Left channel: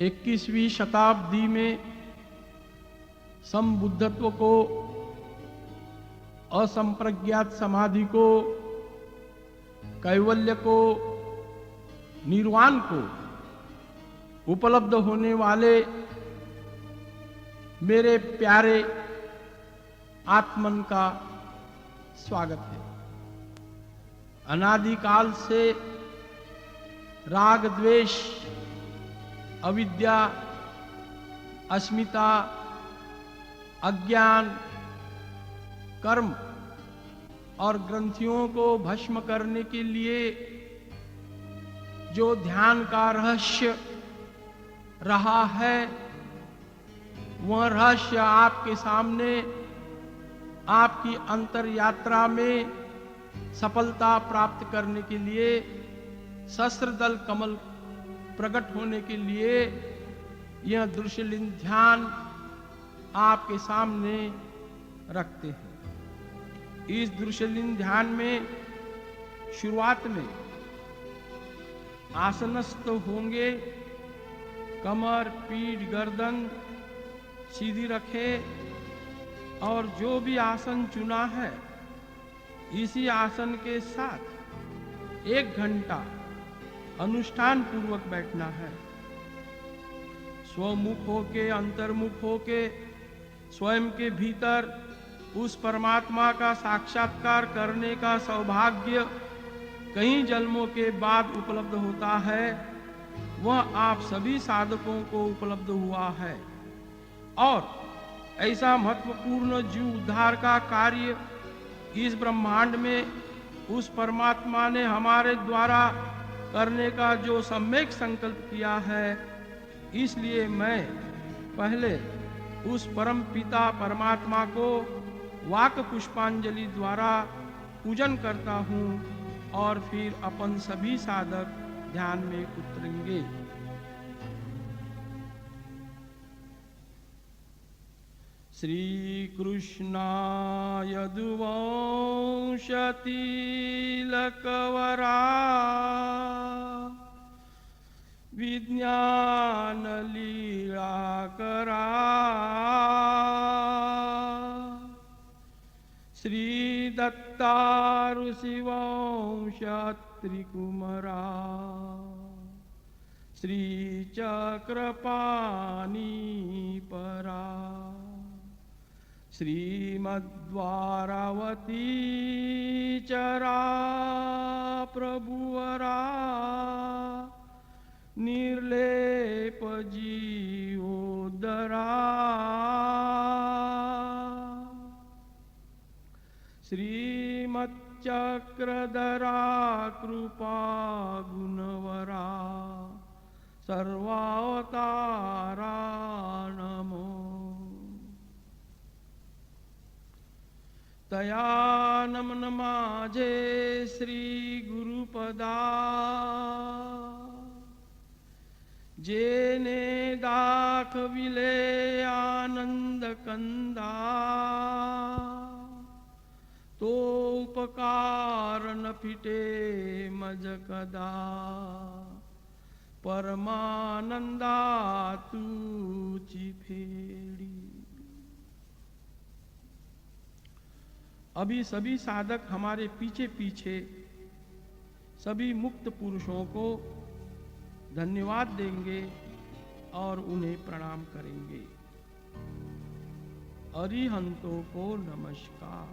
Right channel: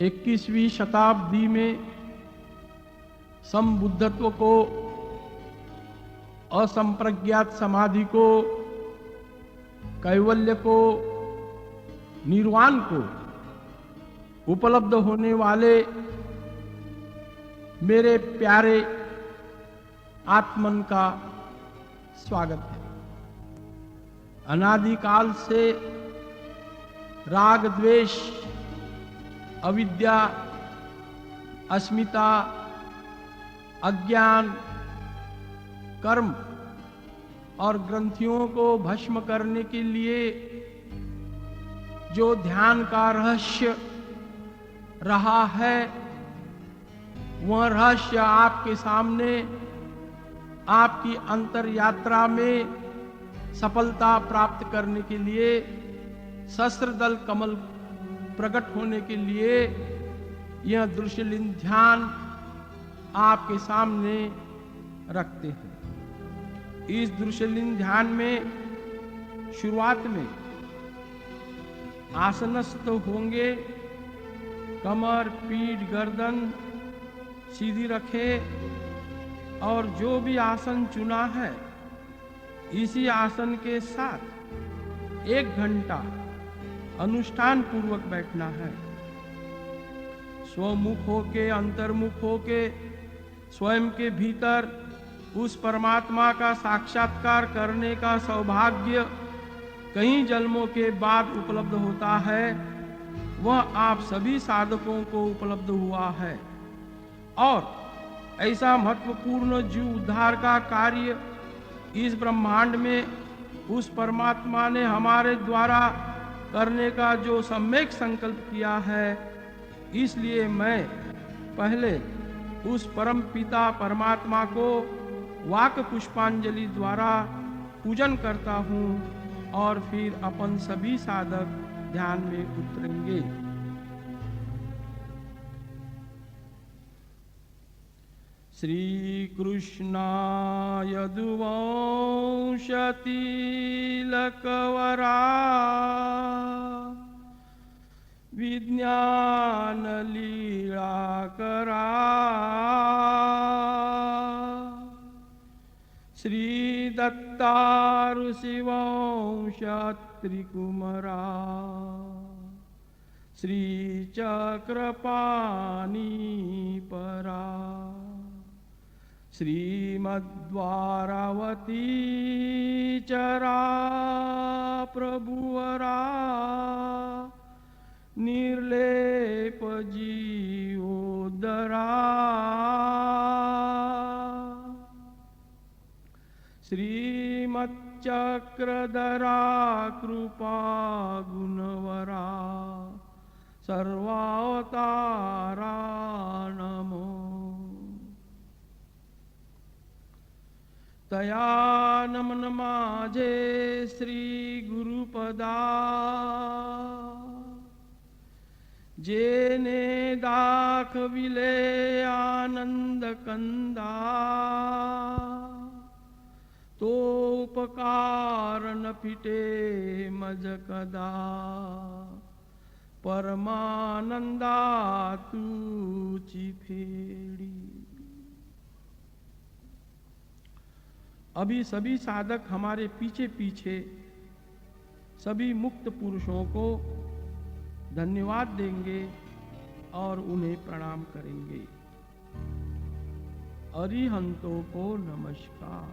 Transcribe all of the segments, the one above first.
21वीं शताब्दी में संबुद्धत्व को, असंप्रज्ञात समाधि को, कैवल्य को, निर्वाण को उपलब्ध होने वाले मेरे प्यारे आत्मन का स्वागत है। अनादिकाल से राग द्वेष, अविद्या, अस्मिता, अज्ञान, कर्म और ग्रंथियों को भस्म करने के लिए जो ध्यान का रहस्य रहा है, वह रहस्य आपके सामने आपकी अंतर यात्रा में सफलता प्राप्त करने के लिए, सहस्त्रदल कमल प्रकट होने के लिए यह दृश्यलिंग ध्यान आपके सामने रखते हैं। इस दृश्यलिंग ध्यान में शुरुआत में आसनस्थ होंगे, कमर, पीठ, गर्दन सीधी रखे और जो भी आसन चुना है इसी आसन के साथ 1 घंटा अनुष्ठान पूर्वक बैठना है। स्वमुख होके, अंतर्मुख होके स्वयं के भीतर उस परमात्मा का साक्षात्कार करने का सौभाग्य कई जन्मों के बाद उपलब्ध होता है, वह आप सभी साधकों को उपलब्ध हुआ है। और ऐसा महत्वपूर्ण जीव उद्धार का कार्य इस ब्रह्मांड में उस परमात्मा ने हमारे द्वारा करने का जो सम्यक संकल्प किया है, इसलिए मैं पहले उस परम पिता परमात्मा को वाक पुष्पांजलि द्वारा पूजन करता हूँ और फिर अपन सभी साधक ध्यान में उतरेंगे। श्री कृष्णाय दुवंश तिलकवरा विज्ञान लीला करा, श्री दत्तारु शिवंश त्रिकुमरा, श्री चक्रपाणी परा, श्रीमद्वारावती चरा प्रभुवरा, निर्लेप जीवोदरा, श्रीमच्चक्रधरा कृपा गुणवरा, सर्वावतारा नमो। तया नमन माझे श्री गुरुपदा, जेने दाखविले आनंद कंदा, तो उपकार न फिटे मज कदा, परमानंदा तूची फेड़ी। अभी सभी साधक हमारे पीछे पीछे सभी मुक्त पुरुषों को धन्यवाद देंगे और उन्हें प्रणाम करेंगे। अरिहंतों को नमस्कार,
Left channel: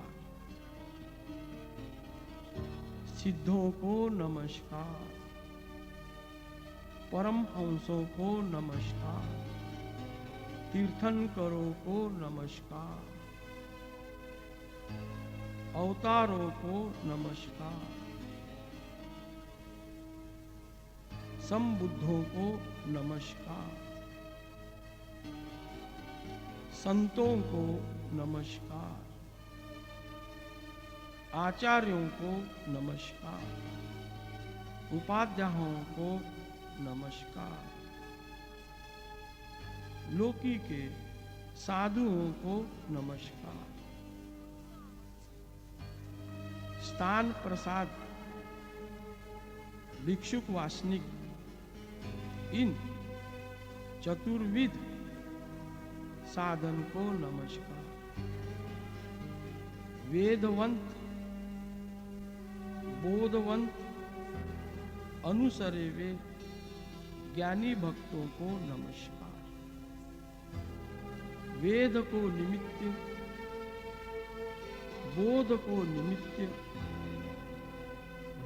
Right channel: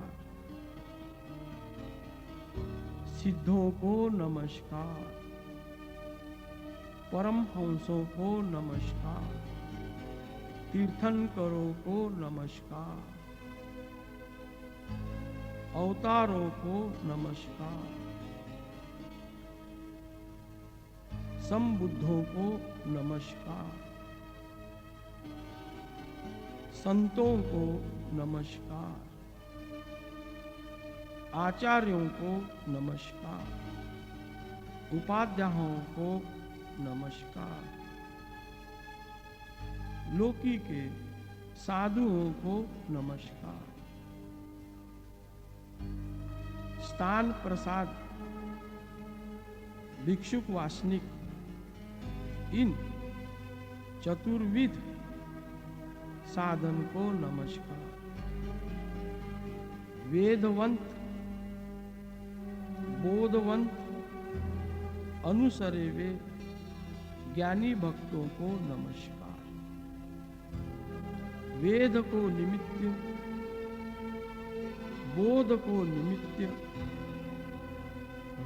सिद्धों को नमस्कार, परमहंसों को नमस्कार, तीर्थंकरों को नमस्कार, अवतारों को नमस्कार, संबुद्धों को नमस्कार, संतों को नमस्कार, आचार्यों को नमस्कार, उपाध्यायों को नमस्कार, लोकी के साधुओं को नमस्कार, स्थान प्रसाद भिक्षुक वासनिक इन चतुर्विध साधन को नमस्कार। वेदवंत बोधवंत अनुसरे वे ज्ञानी भक्तों को नमस्कार। वेद को निमित्त, बोध को निमित्त,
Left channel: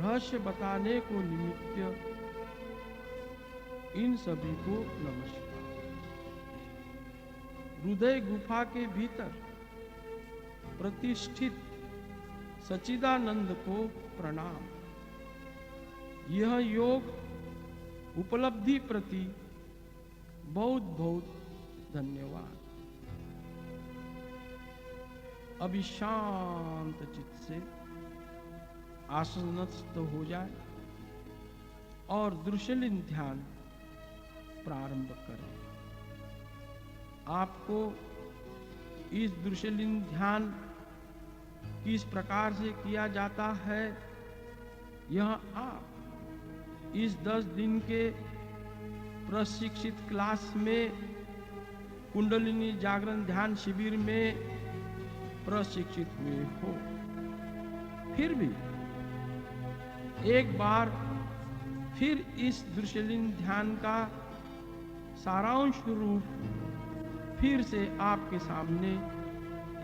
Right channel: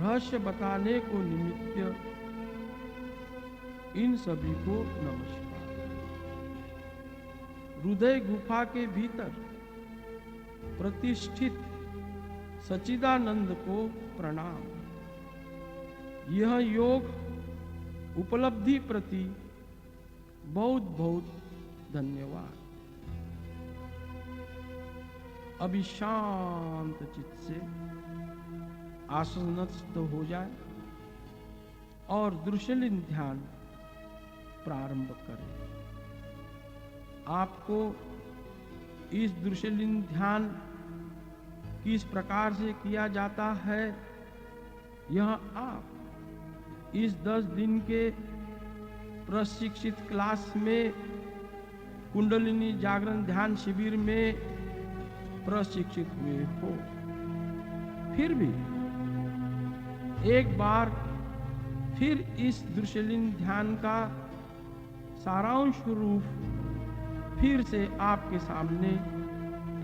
रहस्य बताने को निमित्त, इन सभी को नमस्कार। हृदय गुफा के भीतर प्रतिष्ठित सच्चिदानंद को प्रणाम। यह योग उपलब्धि प्रति बहुत बहुत धन्यवाद। अभी शांत चित्त से आसनस्थ हो जाए और दृश्यलीन ध्यान प्रारंभ करें। आपको इस दृश्यलीन ध्यान किस प्रकार से किया जाता है, यह आप इस 10 दिन के प्रशिक्षित क्लास में कुंडलिनी जागरण ध्यान शिविर में प्रशिक्षित हुए हो। फिर भी एक बार फिर इस दृश्यलीन ध्यान का सारांश रूप फिर से आपके सामने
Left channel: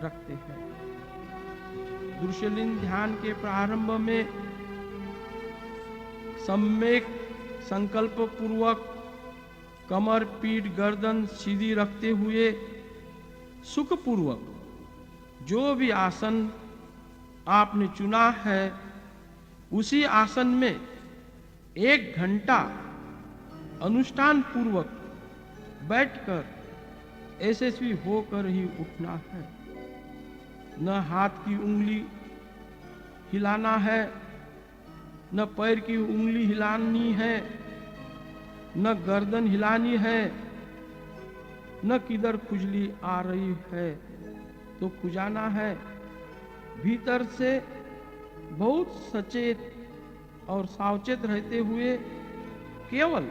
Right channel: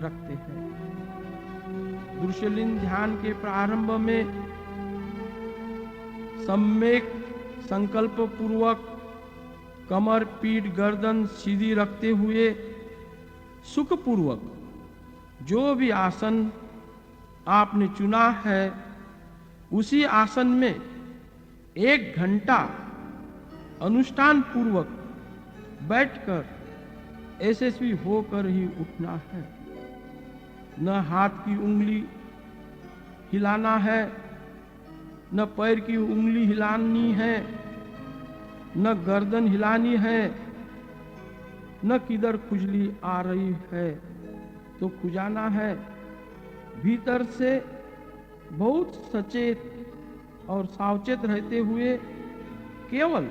रखते हैं। दृश्यलीन ध्यान के प्रारंभ में सम्यक संकल्प पूर्वक कमर, पीठ, गर्दन सीधी रखते हुए सुखपूर्वक जो भी आसन आपने चुना है उसी आसन में 1 घंटा अनुष्ठान पूर्वक बैठकर यशस्वी होकर ही उठना है। न हाथ की उंगली हिलाना है, न पैर की उंगली हिलानी है, न गर्दन हिलानी है, न किधर खुजली आ रही है तो खुजाना है। भीतर से बहुत सचेत और सावचेत रहते हुए केवल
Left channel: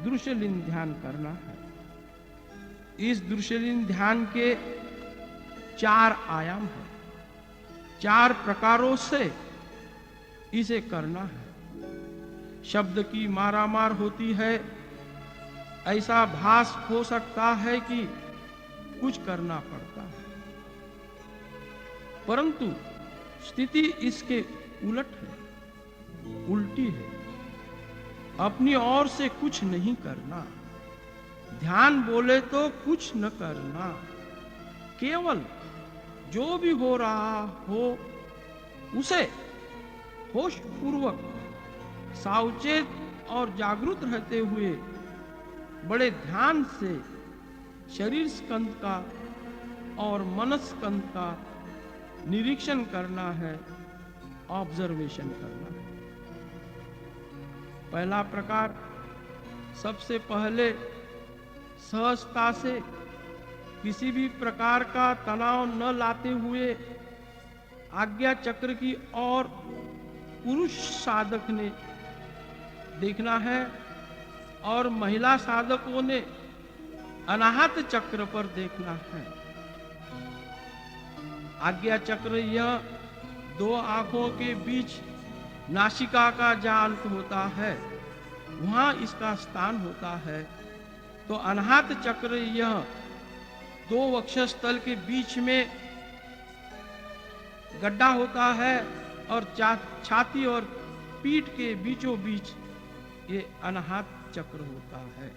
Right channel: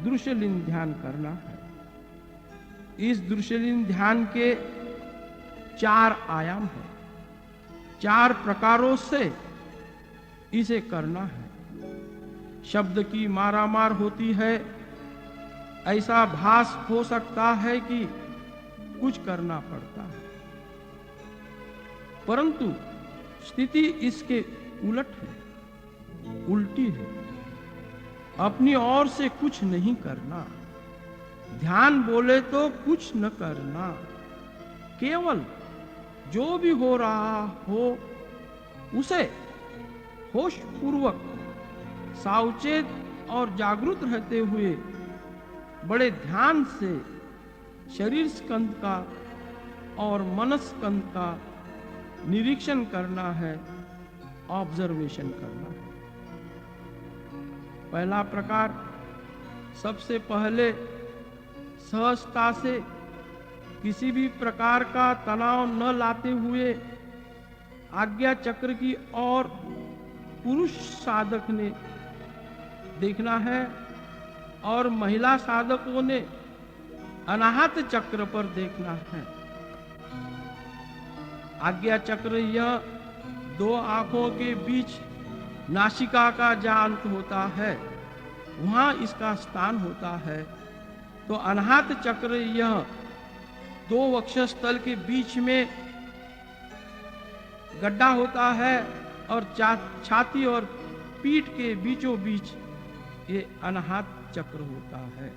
दृश्यलीन ध्यान करना है। इस दृश्यलीन ध्यान के 4 आयाम हैं। 4 प्रकारों से इसे करना है। शब्द की मारामार होती है, ऐसा भास हो सकता है कि कुछ करना पड़ता है, परंतु स्थिति इसके उलट है, उल्टी है। अपनी ओर से कुछ नहीं करना, ध्यान बोले तो कुछ न करना, केवल जो भी हो रहा हो उसे होश पूर्वक सावचेत और जागरूक रहते हुए बड़े ध्यान से शरीर स्कंद का और मन स्कंद का निरीक्षण करना है, ऑब्जर्वेशन करना है। पहला प्रकार, सबसे पहले सहजता से किसी भी प्रकार का तनाव न लाते हुए आज्ञा चक्र की ओर पुरुष साधक ने देखना है और महिला साधकों ने अनाहत चक्र पर देखना है। आज्ञा चक्र यह 2 आंखों के बीच नासिका का जहां अंत होता है वहां इसका स्थान होता है, तो अनाहत चक्र यह 2 वक्षस्थल के बीच में गड्ढा होता है और छाती और पीठ के बीचों बीच ये अनाहत चक्र होता है।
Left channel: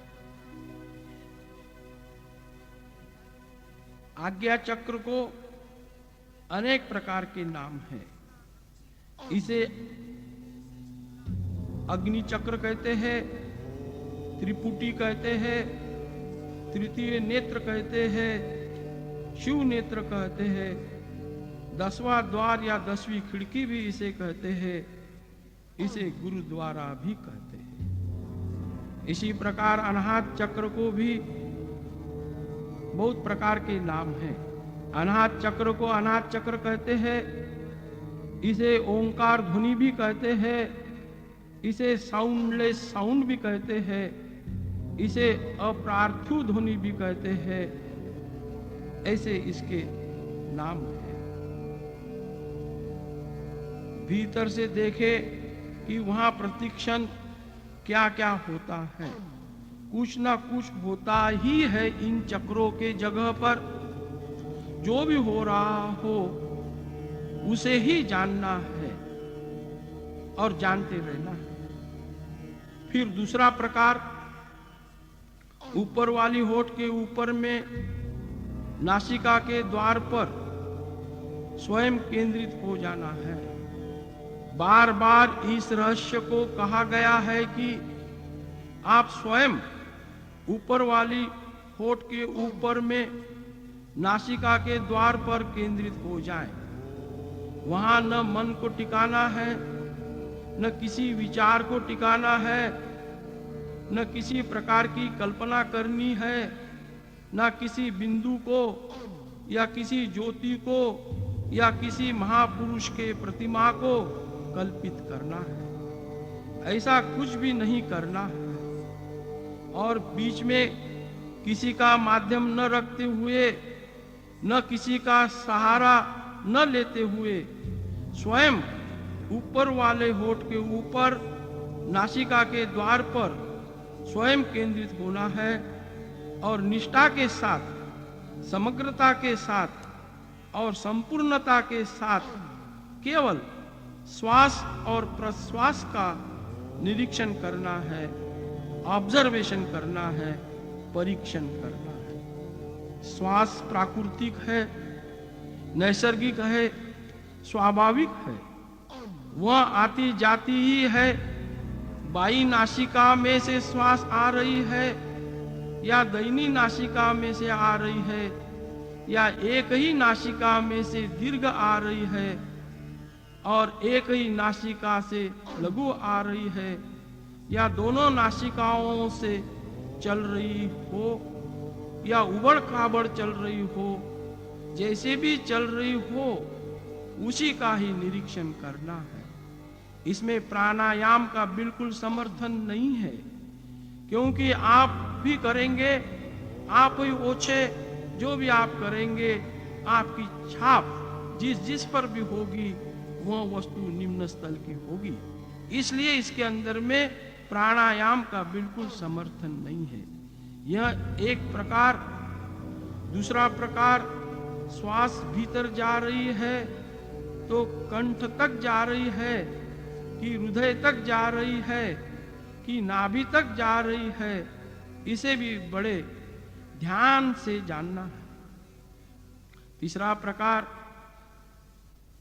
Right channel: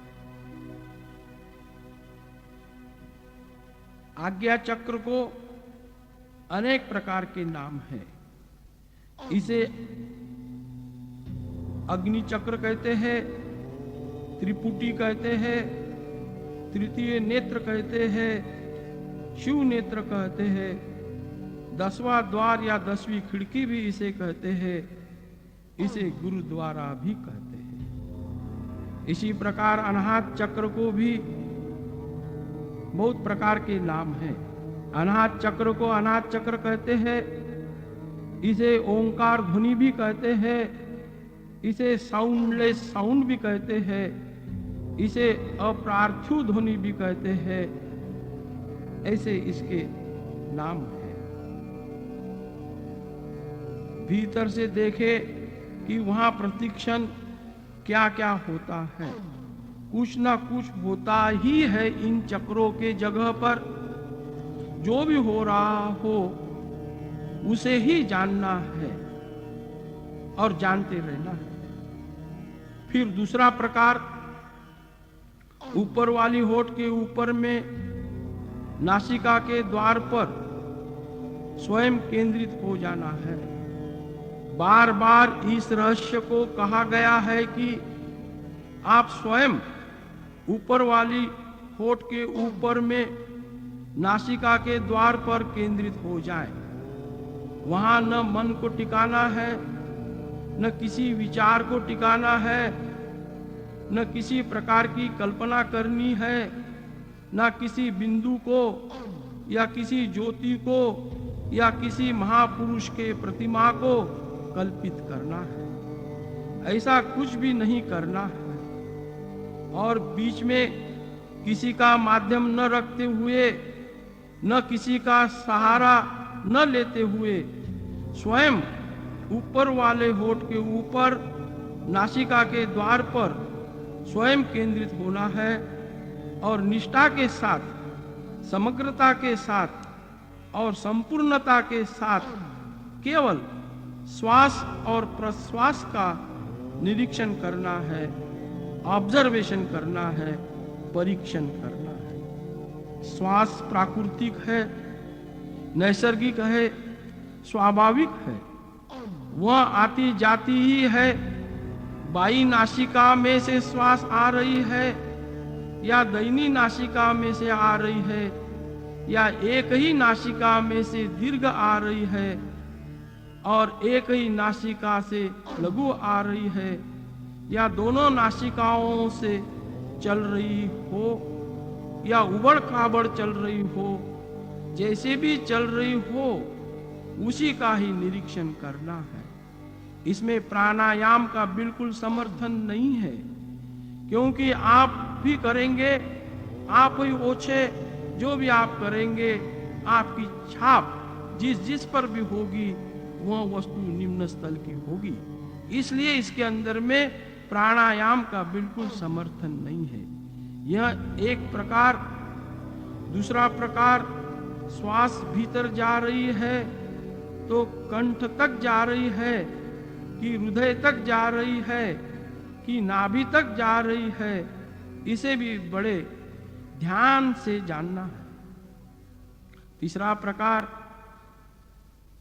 आज्ञा चक्र को अनेक प्रकार के नाम हैं। इसे अग्नि चक्र कहते हैं, त्रिपुटी कहते हैं, तृतीय नेत्र कहते हैं, शिव नेत्र कहते हैं, 10वां द्वार या 10वीं खिड़की भी इसे कहते हैं, इसे गुरुद्वारा भी कहते हैं। इसी प्रकार अनाहत चक्र को भी बहुत प्रकार के नाम हैं। अनाहत चक्र को अनाहत चक्र कहते हैं, इसे ओंकार ध्वनि भी कहते हैं, इसे साउंडलेस साउंड भी कहते हैं, इसे अपार्थिव ध्वनि भी कहते हैं, ऐसे इसके नाम है। भीतर से देखे कि वहां प्रतिक्षण क्या क्या होता है। कुछ ना कुछ होता ही है इन चक्रों के जगह पर। जो भी हो रहा हो उसे ही जानना है और जानते रहना है। फिर दूसरा प्रकार, ऊपर वाली होठ के ऊपर में नासिका के द्वार पर स्वयं केंद्रित हो जाना है। बार बार इस रहस्य को कहा गया है कि आप स्वयं ऊपर वाली होठ के ऊपर में नासिका के द्वार पर केंद्रित हो जाएं। वहां न मन को टिकाना है, न किसी विचार को टिकाना है, न किसी प्रकार की कल्पना करनी है, न किसी बिंदु को या किसी ज्योति को या किसी महापुरुष के प्रतिमा को कल्पित करना है। ऐसा कुछ भी नहीं करना है। और बीच में किसी का माध्यम न रखते हुए, न किसी का सहारा न लेते हुए स्वयं ऊपर वाले होठ के ऊपर नासिका के द्वार पर स्वयं केंद्रित होना है और निष्ठा के साथ, समग्रता के साथ और संपूर्णता के साथ केवल श्वास और प्रश्वास का निरीक्षण करना है, ऑब्जर्वेशन करना है, परीक्षण करना है। श्वास प्राकृतिक है, नैसर्गिक है, स्वाभाविक है। वह आती जाती ही है। बाई नासिका में से श्वास आ रही है या दाहिनी नासिका में से आ रही है या एक ही नासिका में से दीर्घ आ रही है और एक ही नासिका से लघु आ रही है या दोनों नासिकाओं से चल रही हो या उबड़ खाबड़ चल रही हो, जैसे भी चल रही हो उसी का ही निरीक्षण करना है। इसमें प्राणायाम का बिल्कुल समर्थन नहीं है, क्योंकि आप भी करेंगे, आप ही ओछे, जो भी आप करेंगे आपकी छाप जिस जिस पर भी होगी वह वस्तु निम्न स्थल की होगी। इसलिए इसके अंदर में प्राणायाम का बिल्कुल समर्थन नहीं है। यह एक प्रकार। दूसरा प्रकार, श्वास भीतर जा रही है तो कंठ तक जा रही है कि हृदय तक जा रही है कि नाभि तक जा रही है, इसे भी बड़े ध्यान से जानना है। तीसरा प्रकार,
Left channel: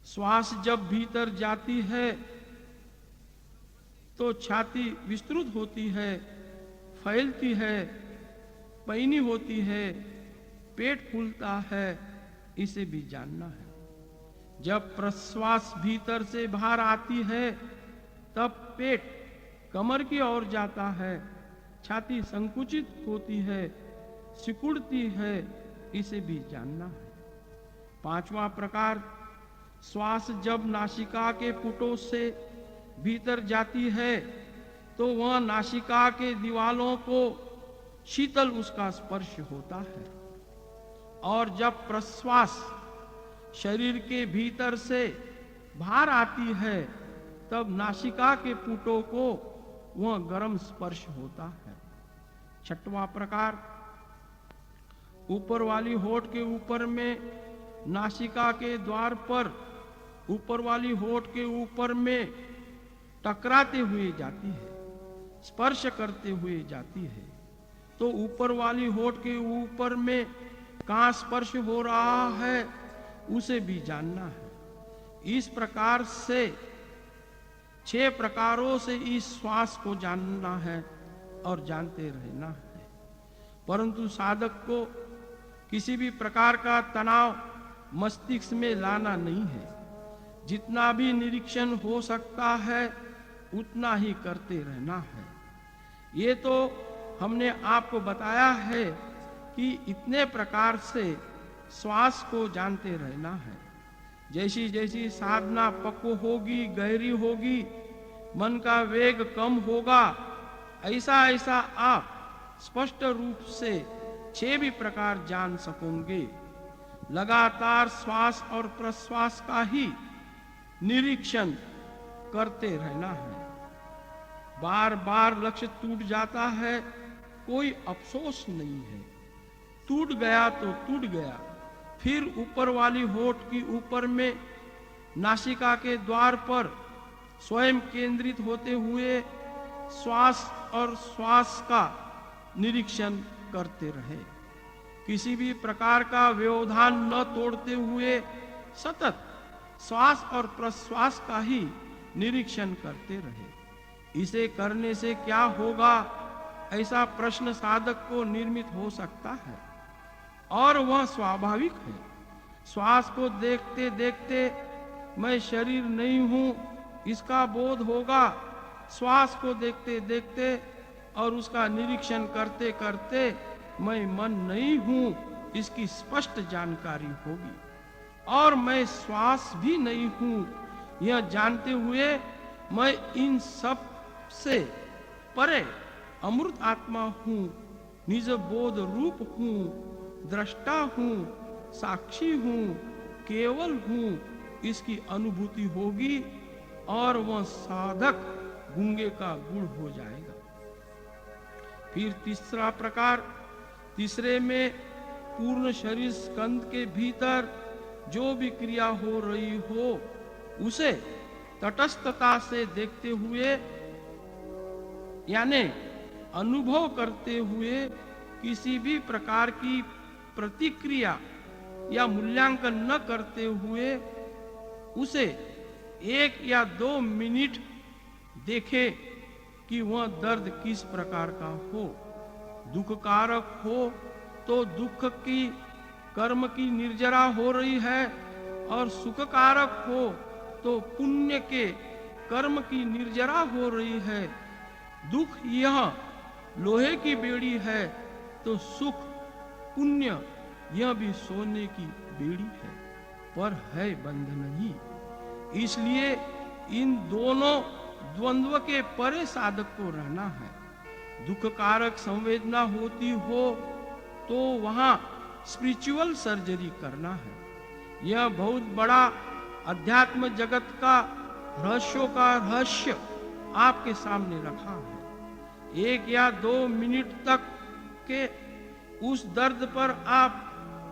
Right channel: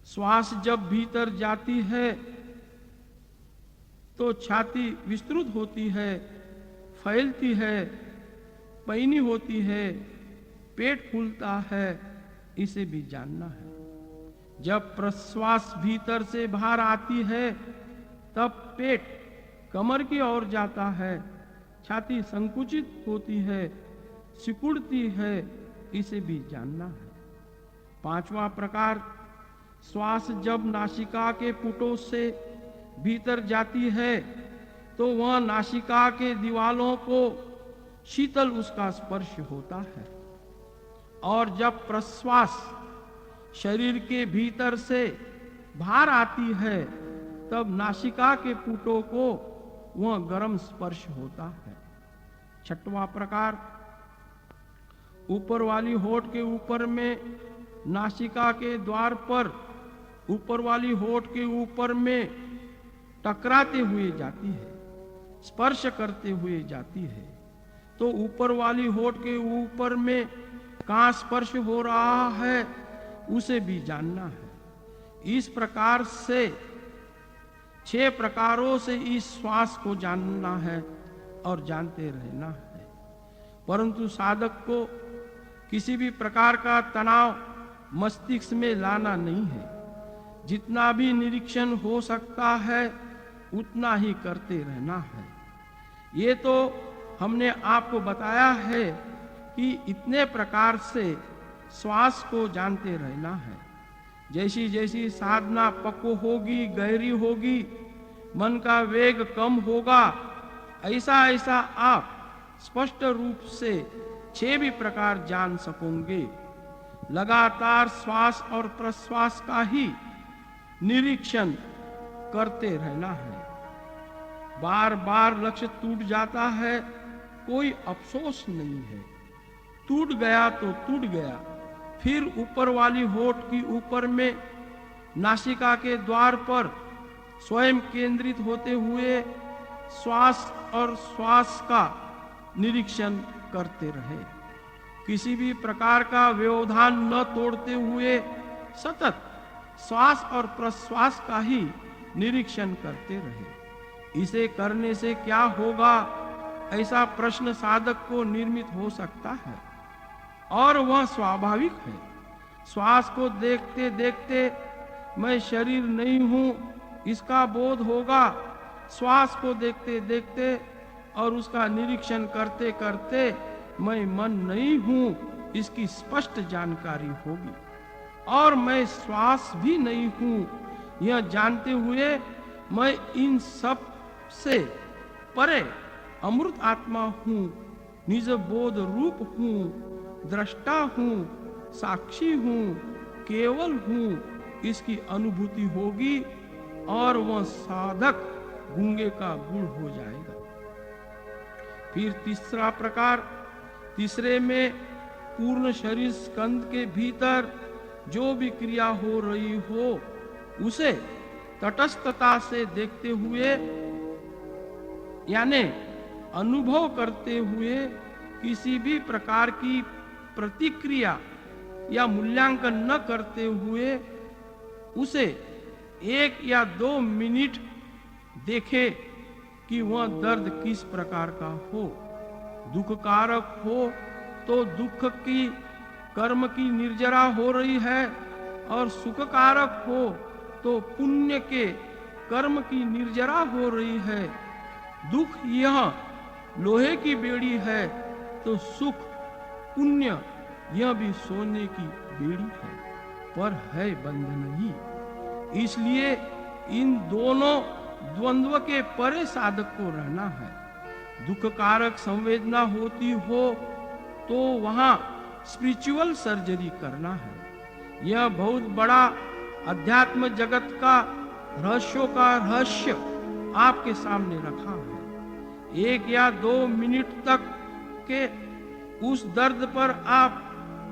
श्वास जब भीतर जाती है तो छाती विस्तृत होती है, फैलती है, पैनी होती है, पेट फूलता है, इसे भी जानना है। जब प्रश्वास भीतर से बाहर आती है तब पेट कमर की ओर जाता है, छाती संकुचित होती है, सिकुड़ती है, इसे भी जानना है। पांचवा प्रकार, श्वास जब नासिका के पुटों से भीतर जाती है तो वह नासिका के दीवालों को शीतल उसका स्पर्श होता है और जब प्रश्वास शरीर के भीतर से बाहर आती है तब नासिका के पुटों को वह गर्म स्पर्श होता है। छठवां प्रकार, ऊपर वाली होठ के ऊपर में नासिका के द्वार पर ऊपर वाली होठ के ऊपर में टकराते हुए जाती है, स्पर्श करते हुए जाती है। तो ऊपर वाली होठ के ऊपर में कहाँ स्पर्श हो रहा है उसे भी जानना है। इस प्रकार से 6 प्रकारों से इस श्वास को जानना है और जानते रहना है। परंतु साधक को किसी भी प्रकार का तनाव मस्तिष्क में लाना नहीं है। जितना भी निरीक्षण हो सकता है उतना ही करते रहना है। ये तो हमने आपको बताया है कि इतने प्रकार से श्वास को जानते रहना है। जैसी जैसी साधना पक्व होगी, गहरी होगी, मन का वेग कम होगा, ऐसा ऐसा आप स्पष्ट रूप से 6 भी प्रकार जान सकोगे। लगातार श्वास और प्रश्वास का ही निरीक्षण करते रहना है। बार बार लक्ष्य टूट जाता है, कोई अफसोस नहीं है। टूट गया तो टूट गया। फिर ऊपर वाली होठ की ऊपर में नासिका के द्वार पर स्वयं केंद्रित होते हुए श्वास और श्वास का निरीक्षण करते रहे। किसी भी प्रकार का व्यवधान न तोड़ते हुए सतत श्वास और प्रश्वास का ही निरीक्षण करते रहे। इसे करने से क्या होगा, ऐसा प्रश्न साधक को निर्मित हो सकता है और वह स्वाभाविक है। श्वास को देखते देखते मैं शरीर नहीं हूं, इसका बोध होगा। श्वास को देखते देखते और उसका निरीक्षण करते करते मैं मन नहीं हूं, इसकी स्पष्ट जानकारी होगी। और मैं श्वास भी नहीं हूं, यह जानते हुए मैं इन सब से परे अमृत आत्मा हूं, निज बोध रूप हूं, दृष्टा हूं, साक्षी हूं, केवल हूं, इसकी अनुभूति होगी और वह साधक गूंगे का गुण हो जाएगा। फिर तीसरा प्रकार, तीसरे में पूर्ण शरीर स्कंद के भीतर जो भी क्रिया हो रही हो उसे तटस्थता से देखते हुए, यानी अनुभव करते हुए किसी भी प्रकार की प्रतिक्रिया या मूल्यांकन न करते हुए उसे 1 या 2 मिनट देखे कि वह दर्द किस प्रकार का हो। दुख कारक हो तो दुख की कर्म की निर्जरा हो रही है, और सुख कारक हो तो पुण्य के कर्म की निर्जरा हो रही है। दुख यह लोहे की बेड़ी है तो सुख पुण्य यह भी सोने की बेड़ी है, पर है बंध नहीं। इसलिए इन दोनों द्वंद्व के परे साधक को रहना है। दुख कारक संवेदना होती हो तो वहां स्पिरिचुअल सर्जरी करना है। यह बहुत बड़ा अध्यात्म जगत का रहस्यों का रहस्य आपके सामने रखा है। 1 या 2 मिनट तक के उस दर्द पर आप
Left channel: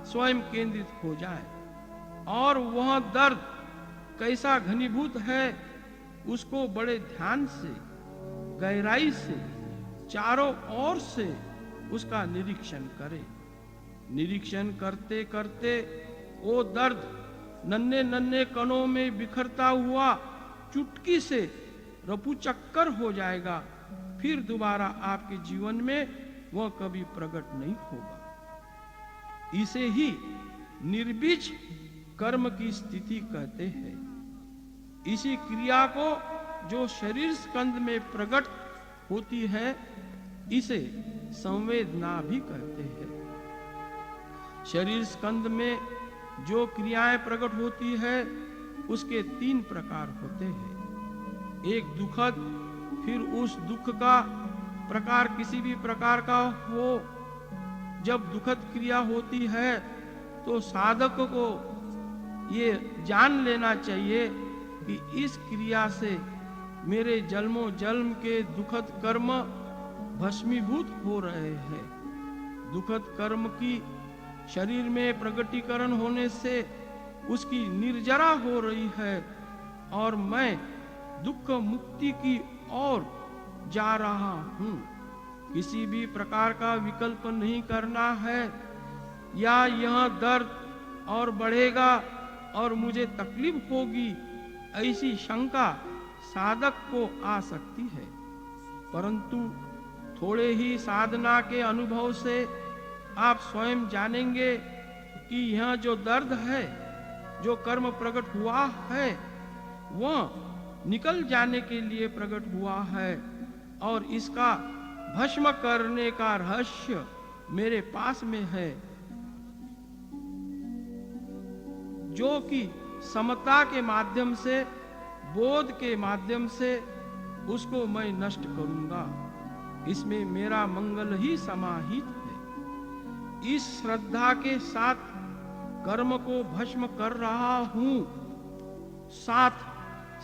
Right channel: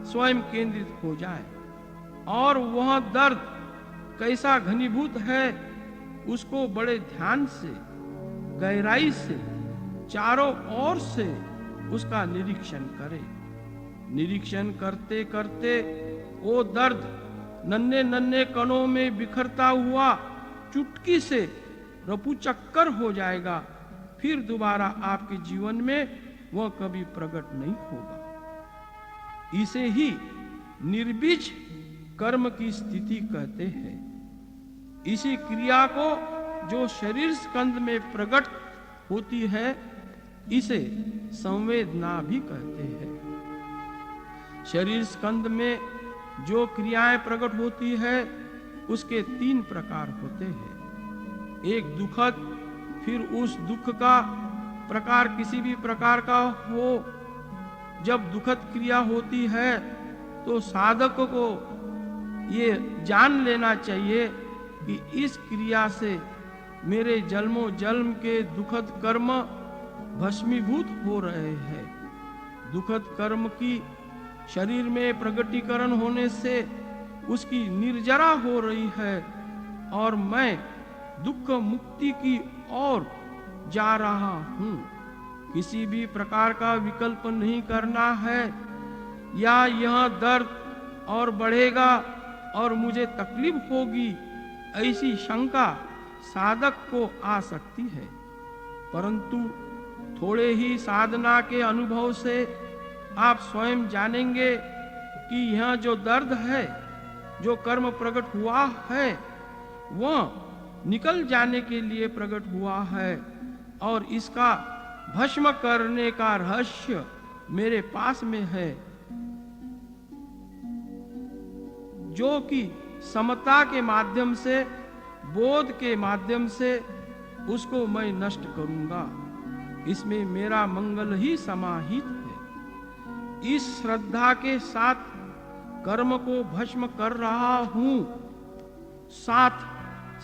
स्वयं केंद्रित हो जाएं और वह दर्द कैसा घनीभूत है उसको बड़े ध्यान से, गहराई से, चारों ओर से उसका निरीक्षण करें। निरीक्षण करते करते वो दर्द नन्हे नन्हे कणों में बिखरता हुआ चुटकी से रफूचक्कर हो जाएगा। फिर दोबारा आपके जीवन में वह कभी प्रकट नहीं होगा। इसे ही निर्बीज कर्म की स्थिति कहते हैं। इसी क्रिया को जो शरीर स्कंद में प्रकट होती है इसे संवेदना भी कहते हैं। शरीर स्कंद में जो क्रियाएं प्रकट होती है उसके 3 प्रकार होते हैं। एक दुखद, फिर उस दुख का प्रकार किसी भी प्रकार का हो। जब दुखद क्रिया होती है तो साधक को ये जान लेना चाहिए कि इस क्रिया से मेरे जन्मों जन्म के दुखद कर्म भस्मीभूत हो रहे हैं। दुखद कर्म की शरीर में प्रगटीकरण होने से उसकी निर्जरा हो रही है और मैं दुख मुक्ति की ओर जा रहा हूँ। किसी भी प्रकार का विकल्प नहीं करना है या यह दर्द और बढ़ेगा और मुझे तकलीफ होगी, ऐसी शंका साधक को आ सकती है। परंतु थोड़े ही साधना के अनुभव से आप स्वयं जानेंगे कि यह जो दर्द है, जो कर्म प्रकट हुआ है, वह निकल जाने के लिए प्रकट हुआ है और इसका भस्म करने का रहस्य मेरे पास में है, जो कि समता के माध्यम से, बोध के माध्यम से उसको मैं नष्ट करूंगा। इसमें मेरा मंगल ही समाहित है। इस श्रद्धा के साथ कर्म को भस्म कर रहा हूं, साथ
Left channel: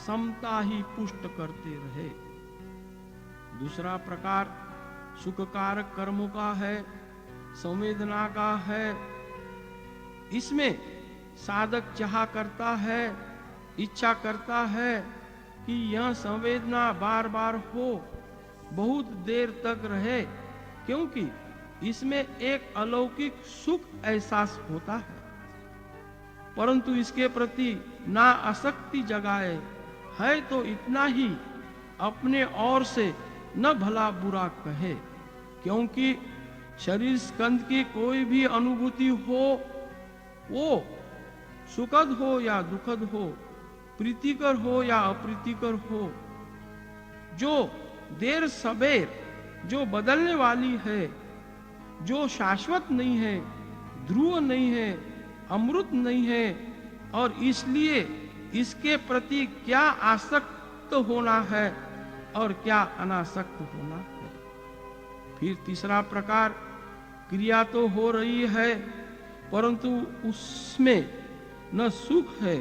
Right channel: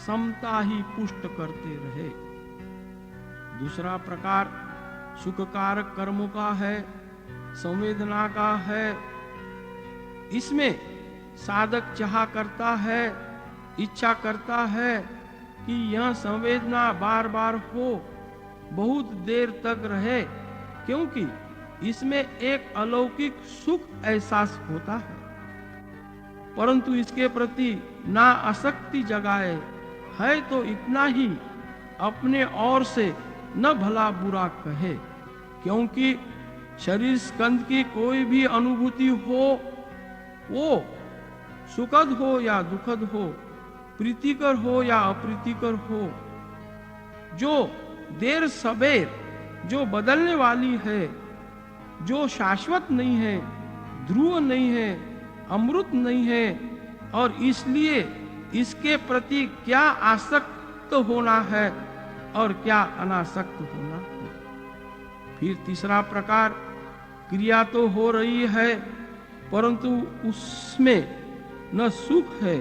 समता ही पुष्ट करते रहे। दूसरा प्रकार सुख कारक कर्मों का है, संवेदना का है। इसमें साधक चाह करता है, इच्छा करता है कि यह संवेदना बार बार हो, बहुत देर तक रहे, क्योंकि इसमें एक अलौकिक सुख एहसास होता है। परंतु इसके प्रति ना आसक्ति जगाए, है तो इतना ही, अपने ओर से न भला बुरा कहे, क्योंकि शरीर स्कंद की कोई भी अनुभूति हो, वो सुखद हो या दुखद हो, प्रीतिकर हो या अप्रीतिकर हो, जो देर सबेर, जो बदलने वाली है, जो शाश्वत नहीं है, ध्रुव नहीं है, अमृत नहीं है, और इसलिए इसके प्रति क्या आसक्त होना है और क्या अनासक्त होना है। फिर तीसरा प्रकार, क्रिया तो हो रही है, परंतु उसमें न सुख है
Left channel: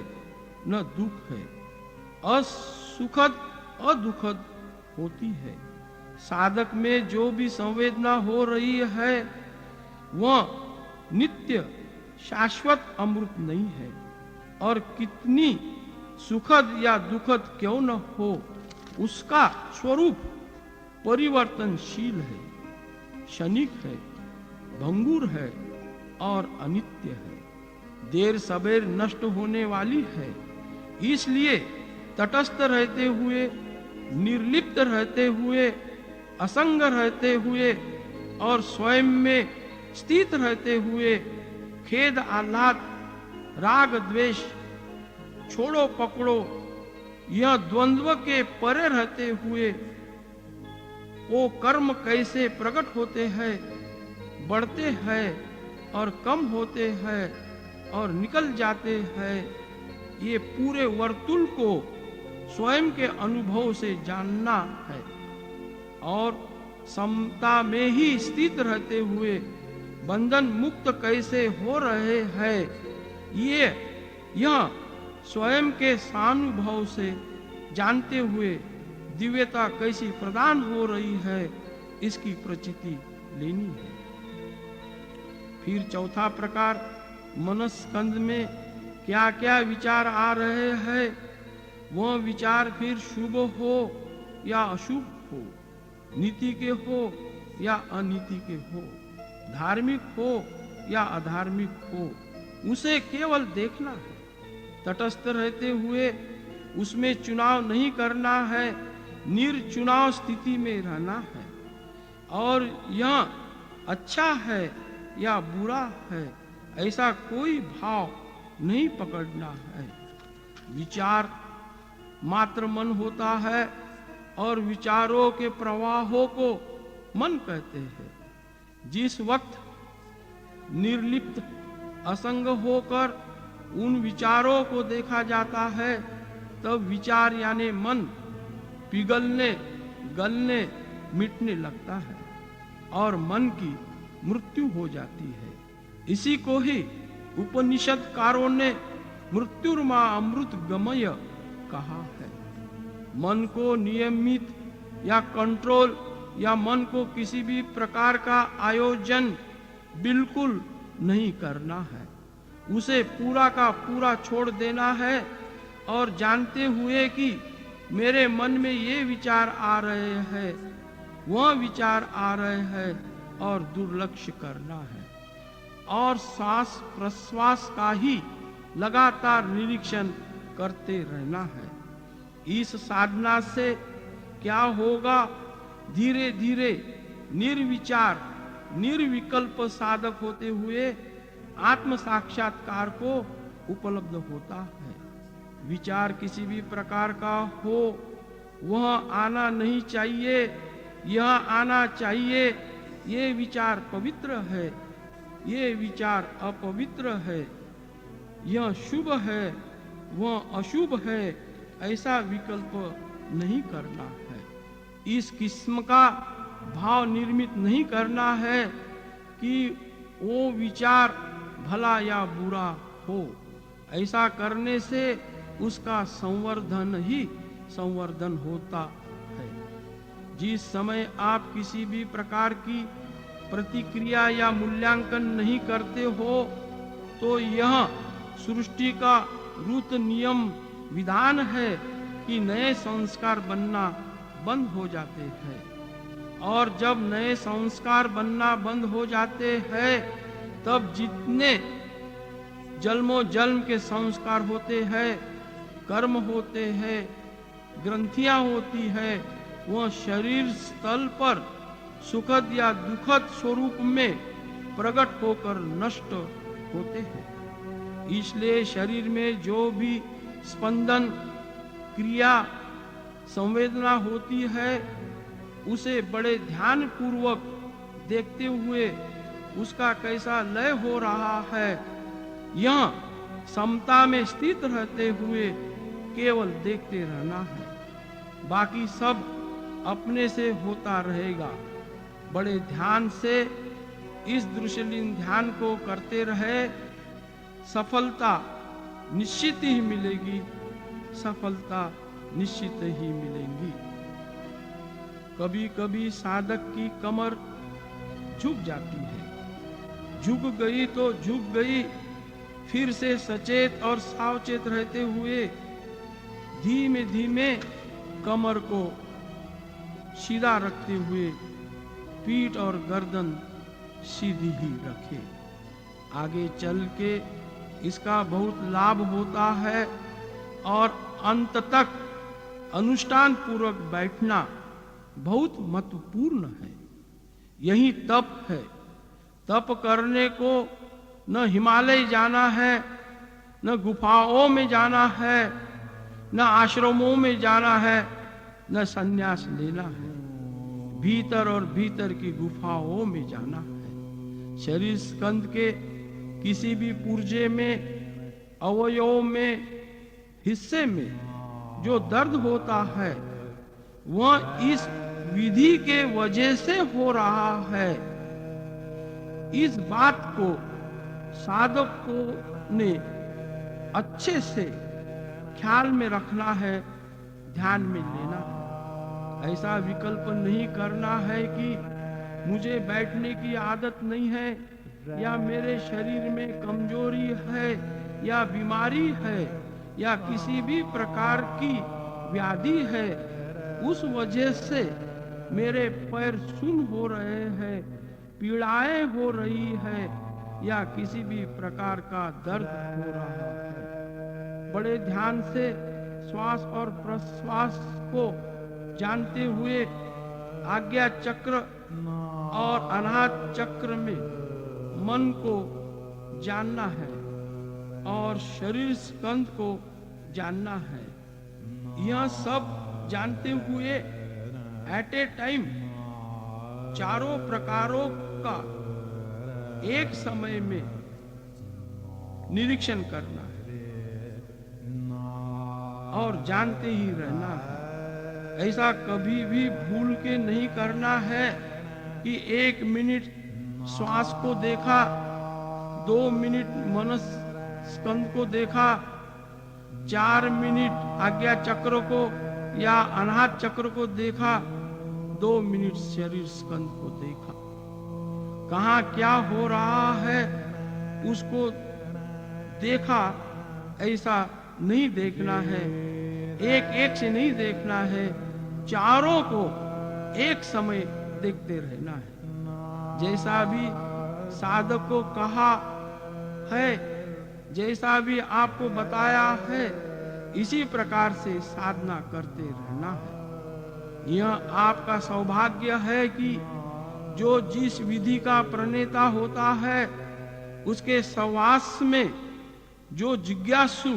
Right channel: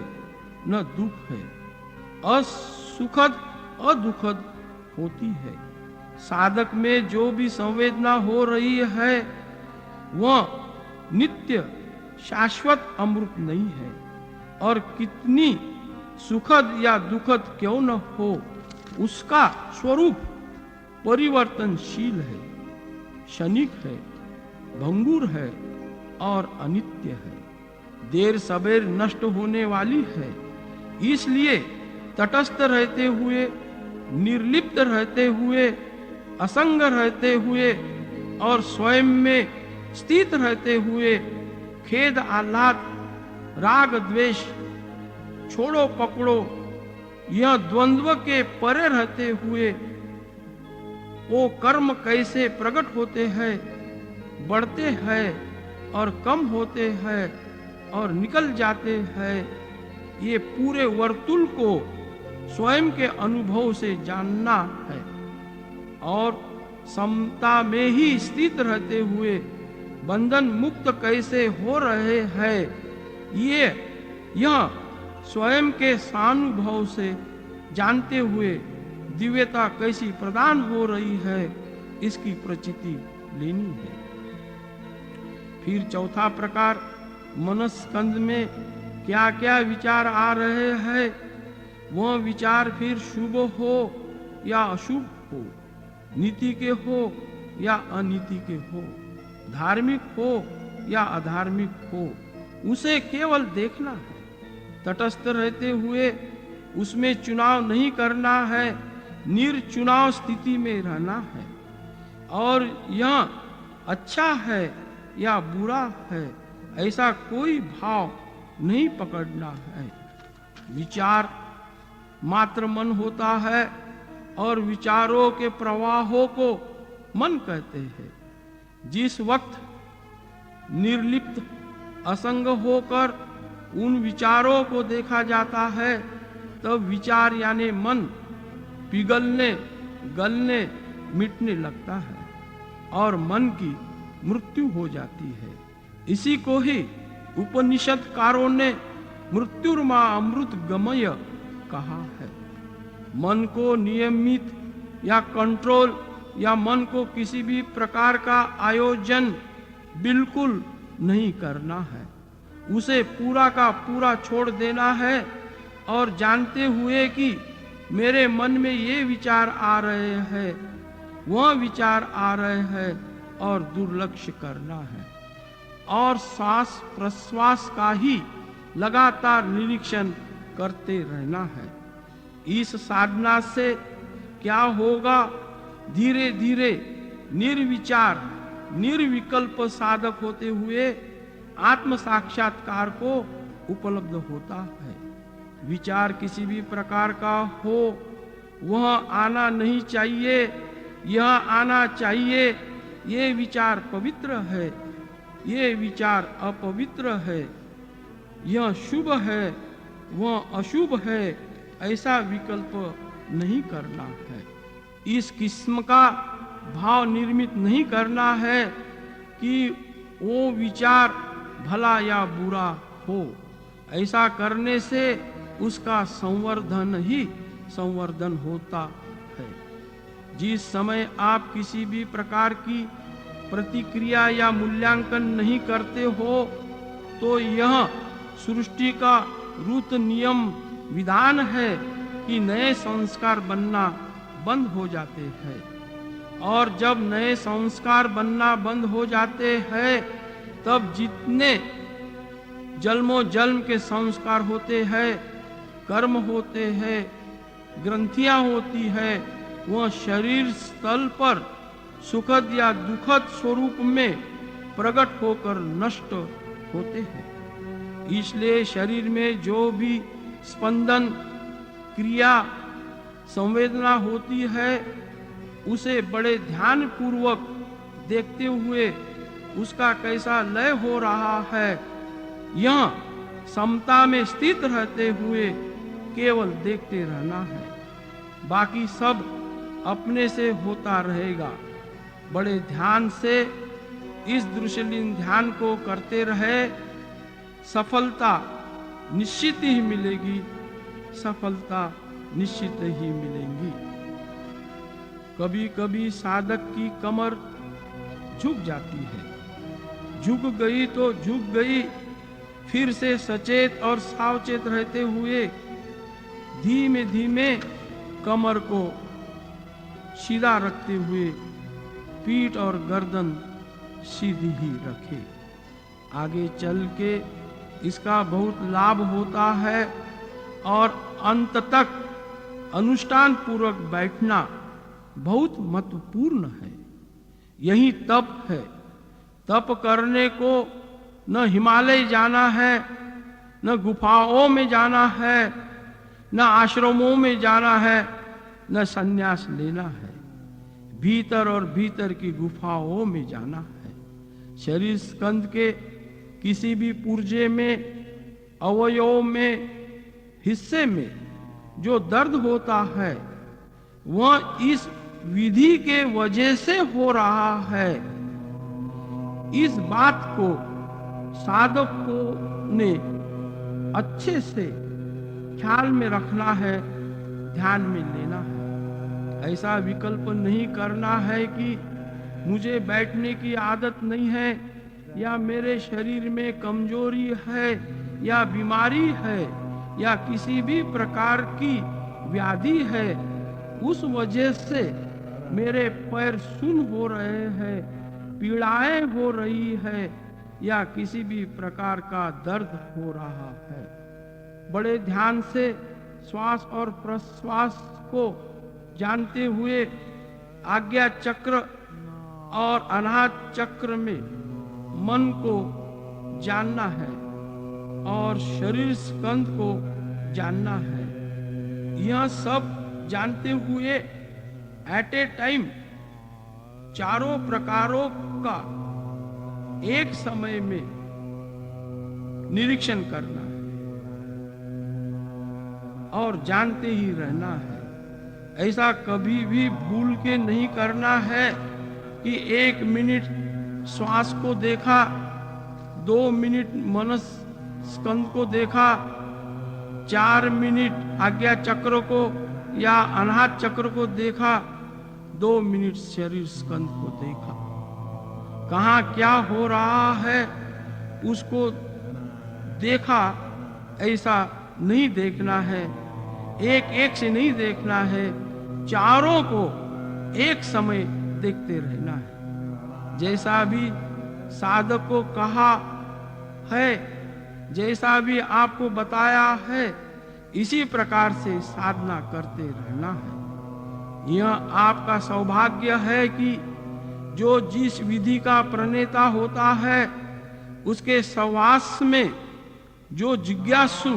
न दुख है, असुखद अदुखद होती है। साधक में जो भी संवेदना हो रही है वह नित्य शाश्वत अमृत नहीं है, और कितनी सुखद या दुखद क्यों न हो, उसका स्वरूप परिवर्तनशील है, क्षणिक है, भंगुर है और अनित्य है, देर सबेर नष्ट होने वाली है। इसलिए तटस्थ रहते हुए, निर्लिप्त रहते हुए, असंग रहते हुए और स्वयं में स्थित रहते हुए, खेद आह्लाद, राग द्वेष, छोड़ो पकड़ो, यह द्वंद्व के परे रहते हुए वो कर्म कैसे प्रकट होते हैं, बढ़ते हैं और कम होते हैं और निकल जाते हैं, ये पूरे वर्तुल को स्वयं के अनुभव से जानना है। और समता में ही स्थित रहते हुए बंधन मुक्त कैसे हो रहे हैं, यह स्वयं के सानुभव से जानते हुए दिव्यता कैसी प्रदान हो रही है, इसकी प्रचिति लेनी है। फिर चौथा प्रकार, मनस्कंद में क्या क्या विचार आ रहे हैं, वह विचार फिर शुभ हो या अशुभ हो, नीति के हो या अनीति के हो, धार्मिक हो या अधार्मिक हो, उसे केवल देखना है। तटस्थ रहते हुए उसमें चुनाव नहीं करना है, निर्चुनाव स्थिति में रहना है। और यह अच्छा है या बुरा है, ऐसा कोई भाव नहीं पकड़ना है। विचार मात्र मन होता है और विचारों के प्रवाहों को मन कहते हैं। जिस वक्त निर्लिप्त असंग होकर उन विचारों को देखा जाता है, तब विचार यानी मन पिघलने, गलने, मिटने लगता है और मन की मृत्यु हो जाती है। इसी को ही उपनिषदकारों ने मृत्युर्मा अमृत गमय कहा है। मन को नियमित या कंट्रोल या मन को किसी भी प्रकार का आयोजन बिल्कुल नहीं करना है, उसे पूरा का पूरा छोड़ देना है और जानते हुए कि मेरे मन में ये विचार आ रहे हैं, वह विचार आ रहे हैं और दुर्लक्ष्य करना है और सांस प्रश्वास का ही लगातार निरीक्षण करते रहना है। इस साधना से क्या होगा, धीरे धीरे निर्विचार निर्विकल्प साधक होते हुए आत्म साक्षात्कार को उपलब्ध होता है। विचार किसी भी प्रकार का हो, वह आना नहीं चाहिए, यह आना चाहिए। ये विचार पवित्र है, ये विचार अपवित्र है, यह शुभ है, वह अशुभ है, ऐसा विकल्प नहीं करना है। इस किस्म का भाव निर्मित नहीं करना है कि वो विचार भला या बुरा हो। ऐसा करने से उसका संवर्धन ही संवर्धन होता है। जिस समय आप किसी भी प्रकार की प्रतिक्रिया या मूल्यांकन नहीं करते हो तो यह सृष्टि का रूट नियम विधान है कि नए संस्कार बनना बंद हो जाते हैं। और जब नए संस्कार बनना बंद हो जाते हैं तब जितने जन्मों जन्म के संस्कार होते हैं, कर्म होते हैं, ग्रंथियां होती है, वह शरीर स्थल पर सुखद या दुखद स्वरूप में प्रकट होकर नष्ट होते हैं। इसलिए शरीर में जो भी स्पंदन, क्रिया, संवेदना होती है उसे बड़े ध्यान पूर्वक देखते हुए उसका कैसा लय हो रहा है, यह समता में स्थित रहते हुए केवल देखते रहना है। बाकी सब अपने से होता रहेगा। बड़े ध्यान से इस दृश्यलीन ध्यान को करते रहे, सफलता निश्चित ही मिलेगी, सफलता निश्चित ही मिलेगी। कभी कभी साधक की कमर झुक जाती है, झुक गई तो झुक गई, फिर से सचेत और सावचेत रहते हुए धीमे धीमे कमर को सीधा रखते हुए पीठ और गर्दन सीधी ही रखे। आगे चल के इसका बहुत लाभ होता है और अंत तक अनुष्ठान पूर्वक बैठना बहुत महत्वपूर्ण है। यही तप है। तप करने को न हिमालय जाना है, न गुफाओं में जाना है, न आश्रमों में जाना है, न संन्यास लेना है। भीतर और भीतर की गुफाओं में जाना है। शरीर स्कंद के किसी भी पुर्जे में, अवयव में, हिस्से में जो दर्द होता है वह इस विधि के वजह से हो रहा है। इस बात को साधकों ने अच्छे से ख्याल में रखना है, ध्यान में लेना है। ऐसा विकल्प नहीं करना है कि मुझे बैठने की आदत नहीं है, या मेरे शरीर में कमजोरी है, या बीमारी है, या किसी भी प्रकार की व्याधि है, उस वजह से मेरे पैर सुन्न हो रहे हैं, पीड़ाएं हो रही है, या किसी भी प्रकार का दर्द हो रहा है। बड़े ध्यान से श्वास और प्रश्वास को जानते हुए आज्ञा चक्र और अनाहत चक्र में मन को जानना है और शरीर स्कंद को जानना है। यह सब जानते हुए एट ए टाइम चारों प्रकारों का एक समय में निरीक्षण करना और जानते ही रहना है। ऐसा कभी भी भूल के नहीं करना है कि 1 मिनट श्वास को देखा, 2 मिनट मनस स्कंद को देखा, 4 मिनट आज्ञा चक्र को या अनाहत चक्र को देखा, 2 मिनट शरीर स्कंद को देखा। कहाँ क्या हो रहा है उसको देखा, ऐसा नहीं देखना है, एक एक से नहीं देखना है, चारों को एक समय देखते रहना है। जैसा भी साधक को कहा है, जैसा भी आपको बताया है, इसी प्रकार से साधना करते रहना है। यह आपका सौभाग्य है कि जो जिस विधि का प्रणेता होता है उसके सहवास में जो जिज्ञासु,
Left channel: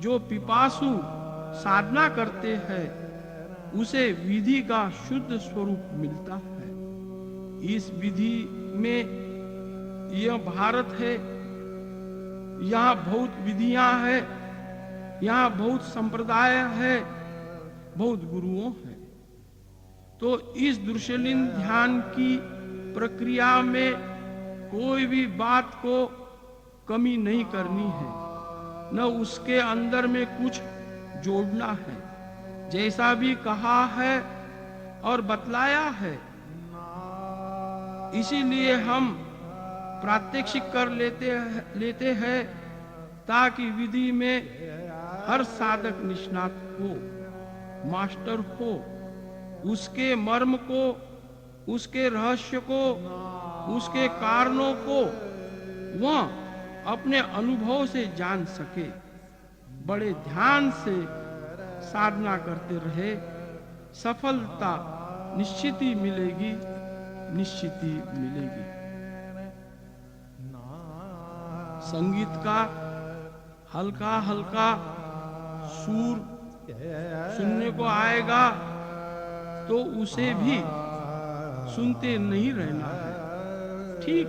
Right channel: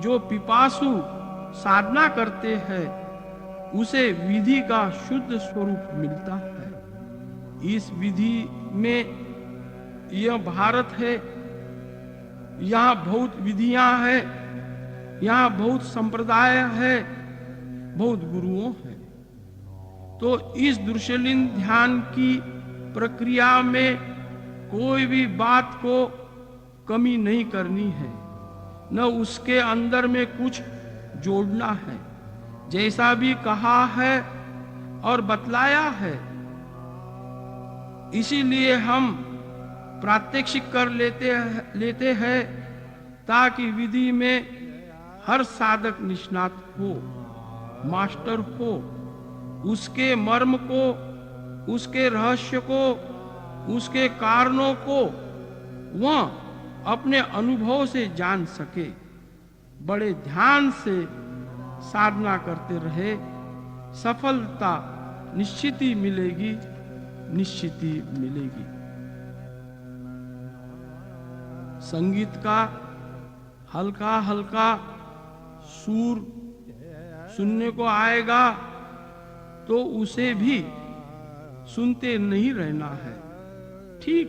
जो पिपासु साधना करते हैं उसे विधि का शुद्ध स्वरूप मिलता है। इस विधि में यह भारत है, यहाँ बहुत विधियां हैं, यहाँ बहुत संप्रदाय है, बहुत गुरुओं हैं। तो इस दृश्यलीन ध्यान की प्रक्रिया में कोई भी बात को कमी नहीं करनी है, न उसके अंदर में कुछ जोड़ना है। जैसा भी कहा है और बतलाया है, इसीलिए हम प्रात्यक्षिक कर लेते हैं ताकि विधि में हर साधक निष्णात हो, मास्टर हो, उसके मर्म को, उसके रहस्य को, उसके कारणों को वह अपने अनुभव से जान सके। बड़े ध्यान से साधना करते रहे, सफलता निश्चित ही मिलेगी, निश्चित ही मिलेगी। संगीत का हल्का हल्का सुर सुनने को आएगा तो उसे भी सुनते नहीं रहना है। ठीक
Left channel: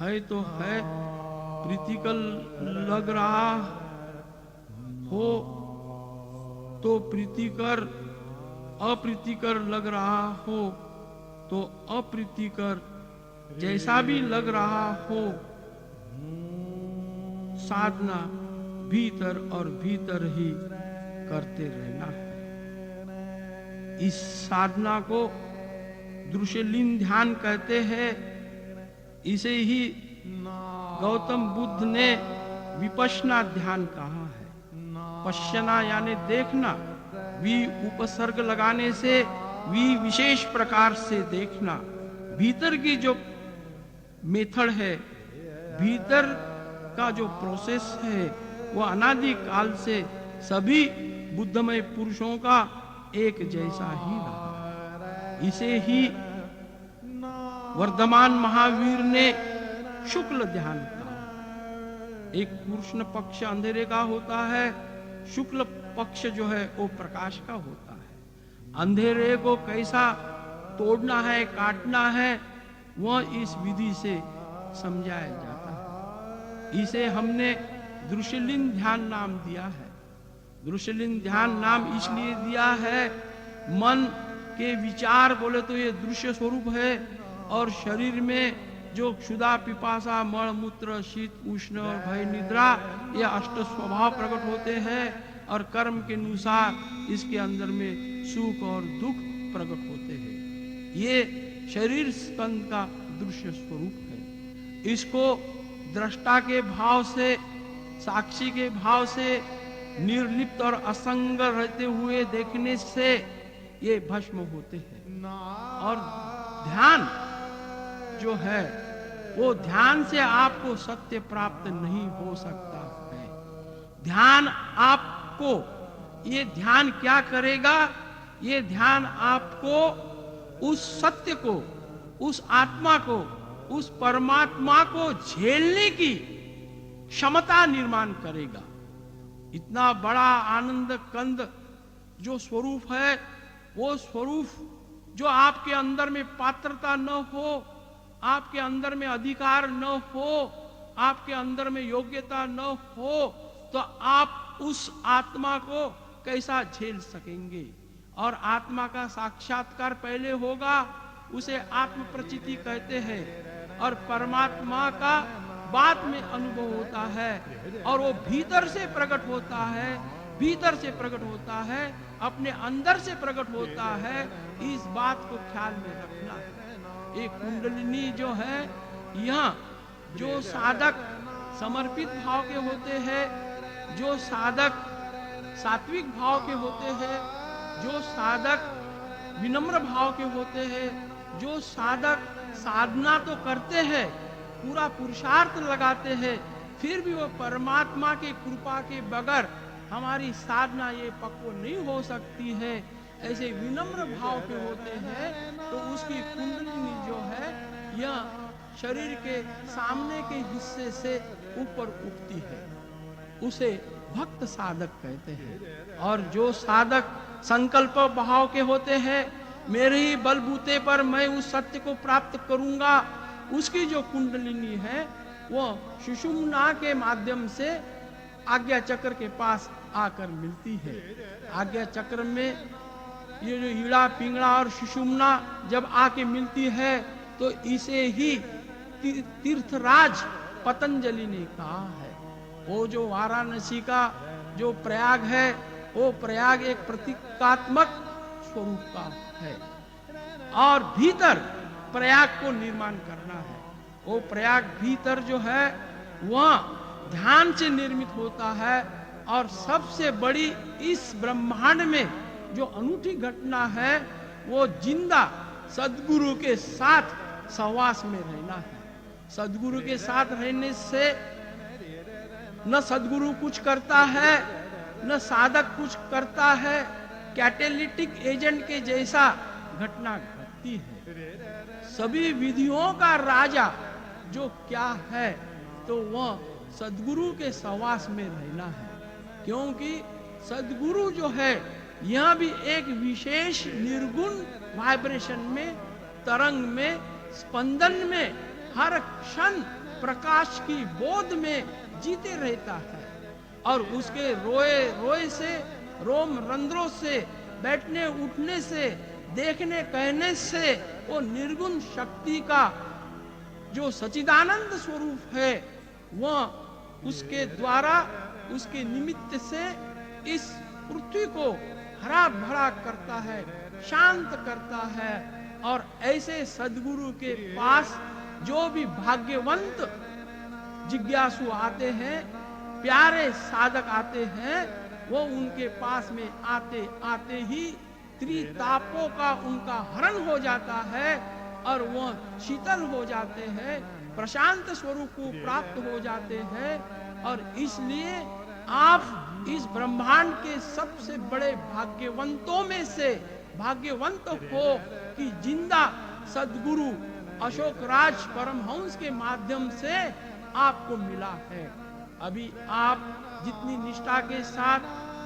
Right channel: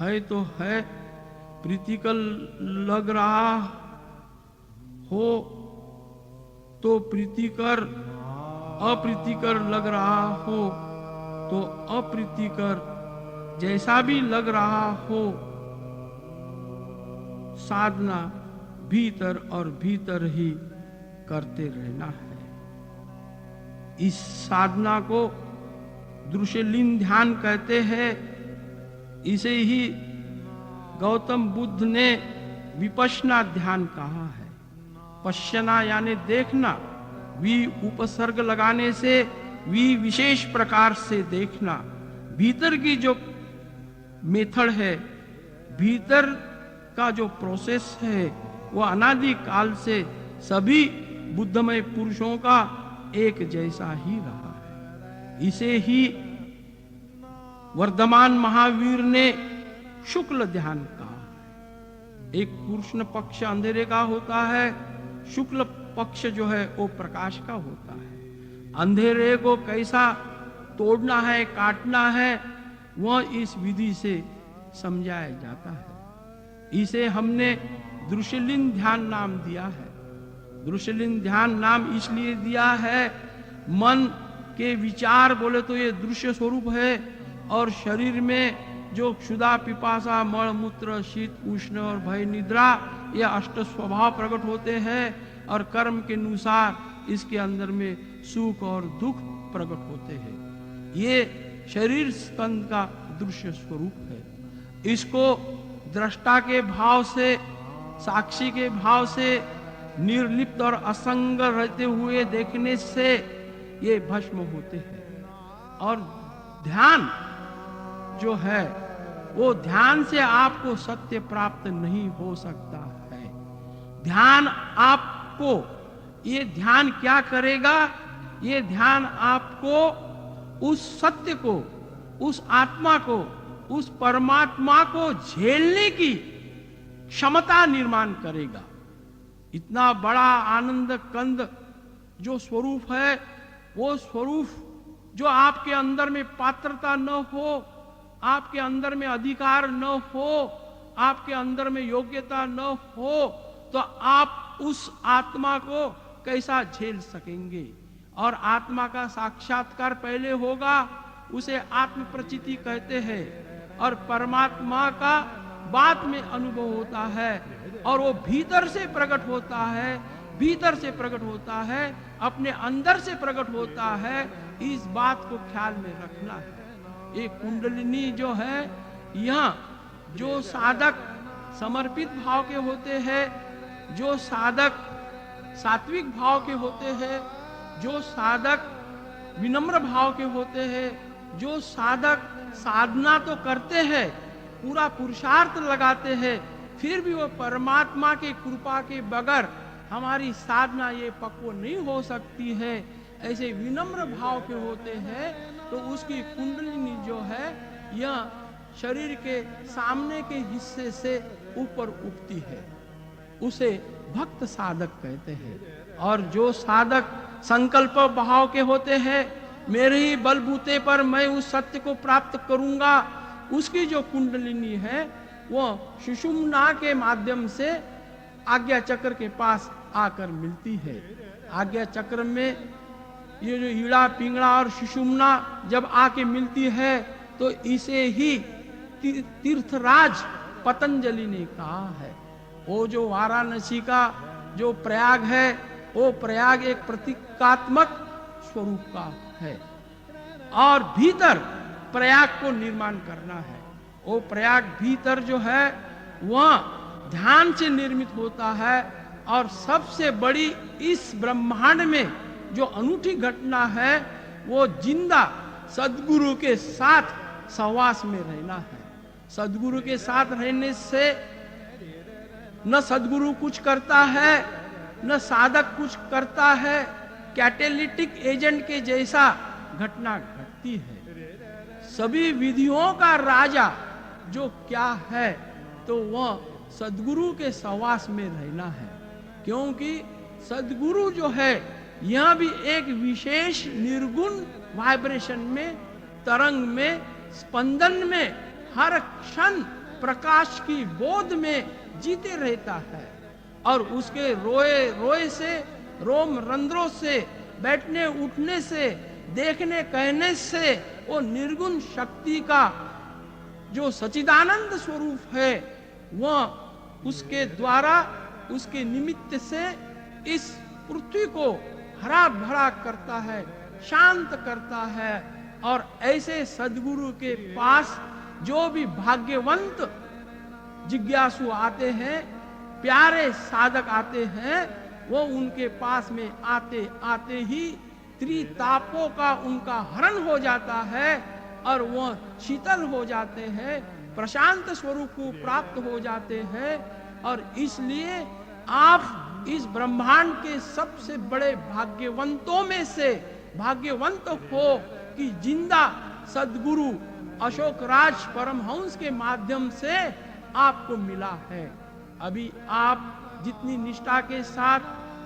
है तो है, प्रीतिकर लग रहा हो तो प्रीतिकर, अप्रीतिकर लग रहा हो तो अप्रीतिकर, जैसा भी लग रहा हो, साधना भीतर और भीतर ही करते रहना है। इस साधना को दृश्यलीन ध्यान कहते हैं। इसे ही गौतम बुद्ध ने विपश्यना ध्यान कहा है। पश्यना यानी देखना, वी उपसर्ग लगाने से वी विशेष प्रकार से देखना। भीतर की जो मेथड है, भीतर का जो प्रोसेस है, वो अनादि काल से सभी बुद्धमय पुरुषों का एक जैसा ही रहा। इसे ही वर्धमान महावीर ने शुक्ल ध्यान कहा। एक कृष्ण पक्ष अंधेरे का होता है, शुक्ल पक्ष जो है वो प्रकाश का होता है। अंधेरे को कैसा तोड़ना है, काटना है, वह इस विधि से समझाया जाता है। इसे हमने दृश्यलीन ध्यान नाम दिया है। दृश्यलीन ध्यान नाम इसलिए दिया है, मन के विचार बोले तो ये दृश्य स्वरूप है, और शरीर में जो क्षुधा, पिपासा, मल, मूत्र, शीत, उष्ण और भय, निद्रा, ये अष्ट स्वभाव प्रकट होते हैं, और कर्म के अनुसार इसके अंदर में सुख और दुख प्रकट होते हैं। ये शरीर स्कंद का दृश्य स्वरूप है। इसको दृष्टा के भाव से, साक्षी के भाव से निर्लिप्त और असंग रहते हुए देखने से ये भस्म होते हैं। और ध्यान जो है, वो ध्यान से आपको सत्य प्राप्त नहीं हो सकता है। ध्यान आपको, ये ध्यान क्या करेगा? ये ध्यान आपको उस सत्य को, उस आत्मा को, उस परमात्मा को झेलने की क्षमता निर्माण करेगा। इतना बड़ा आनंद कंद जो स्वरूप है, वो स्वरूप जो आपके अंदर में पात्रता न हो, आपके अंदर में अधिकार न हो, आपके अंदर में योग्यता न हो, तो आप उस आत्मा को कैसा झेल सकेंगे? और आत्मा का साक्षात्कार पहले होगा, उसे आत्म प्रचिति कहते हैं, और परमात्मा का बाद में अनुभव होता है, और वो भीतर से प्रकट होता है, भीतर से प्रकट होता है, अपने अंदर से प्रकट होता है। इस बात को ख्याल में रखना है। ये कुंडलिनी जो है, यह जो साधक समर्पित भाव के होते हैं, जो साधक सात्विक भाव के होते हैं, जो साधक विनम्र भाव के होते हैं, जो साधक साधना तो करते हैं, पूरा पुरुषार्थ लगाते हैं, फिर भी वो परमात्मा की कृपा के बगैर हमारी साधना ये पक्व नहीं हो सकती है, ऐसे विनम्र भाव के होते हैं, तो उसकी कुंडलिनी जो है, यह शरीर के सामने के हिस्से से ऊपर उठती है। उसे भक्त साधक कहते हैं। और जो साधक संकल्प भाव के होते हैं, मेरे ही बलबूते पर मैं उस सत्य को प्राप्त करूंगा, उसकी जो कुंडलिनी है, वो सुषुम्ना के माध्यम से आज्ञा चक्र के पास आकर मिलती है। आज्ञा चक्र में ये जो ईड़ा पिंगड़ा और सुषुम्ना जब आके मिलती है तो इसे ही तीर्थराज पतंजलि ने कहा है। वो जो वाराणसी का जो प्रयाग है, वो प्रयाग एक प्रतीकात्मक स्वरूप का है और भीतर प्रयाग को निर्माण करना है। वो प्रयाग भीतर जो है वह ध्यान से निर्मित होता है और सबसे बड़ी इस ब्रह्मांड में जो अनूठी घटना है वो जिंदा सद्गुरु के साथ सहवास में रहना है। सद्गुरु के साथ रहने से न सद्गुरु कुछ करता है न साधक कुछ करता है, कैटेलिटिक एजेंट के जैसा घटना घटती है। सभी विधियों का राजा जो क्या है तो वह सद्गुरु के सहवास में रहना है, क्योंकि सद्गुरु जो है यह भी एक विशेष निर्गुण वाइब्रेशन में, तरंग में, स्पंदन में, हर क्षण प्रकाश की बोध में जीते रहता है और उसके रोए रोए से, रोम रंध्रों से, बैठने उठने से, देखने कहने से वो निर्गुण शक्ति का जो सचिदानंद स्वरूप है वह उसके द्वारा, उसके निमित्त से इस पृथ्वी को हरा भरा करता है, शांत करता है। और ऐसे सद्गुरु के पास जो भी भाग्यवंत जिज्ञासु आते हैं, प्यारे साधक आते हैं, वो उनके पास में आते आते ही त्रितापों का उनका हरण हो जाता है और वह शीतल हो जाते हैं, प्रशांत स्वरूप को प्राप्त हो जाते हैं। और इसलिए आप इस ब्रह्मांड के सबसे बड़े भाग्यवंतों में से भाग्यवंत हो कि जिंदा सद्गुरु अशोक राज परमहंस के माध्यम से आपको मिला है। अभी आप जितनी निष्ठा के साथ,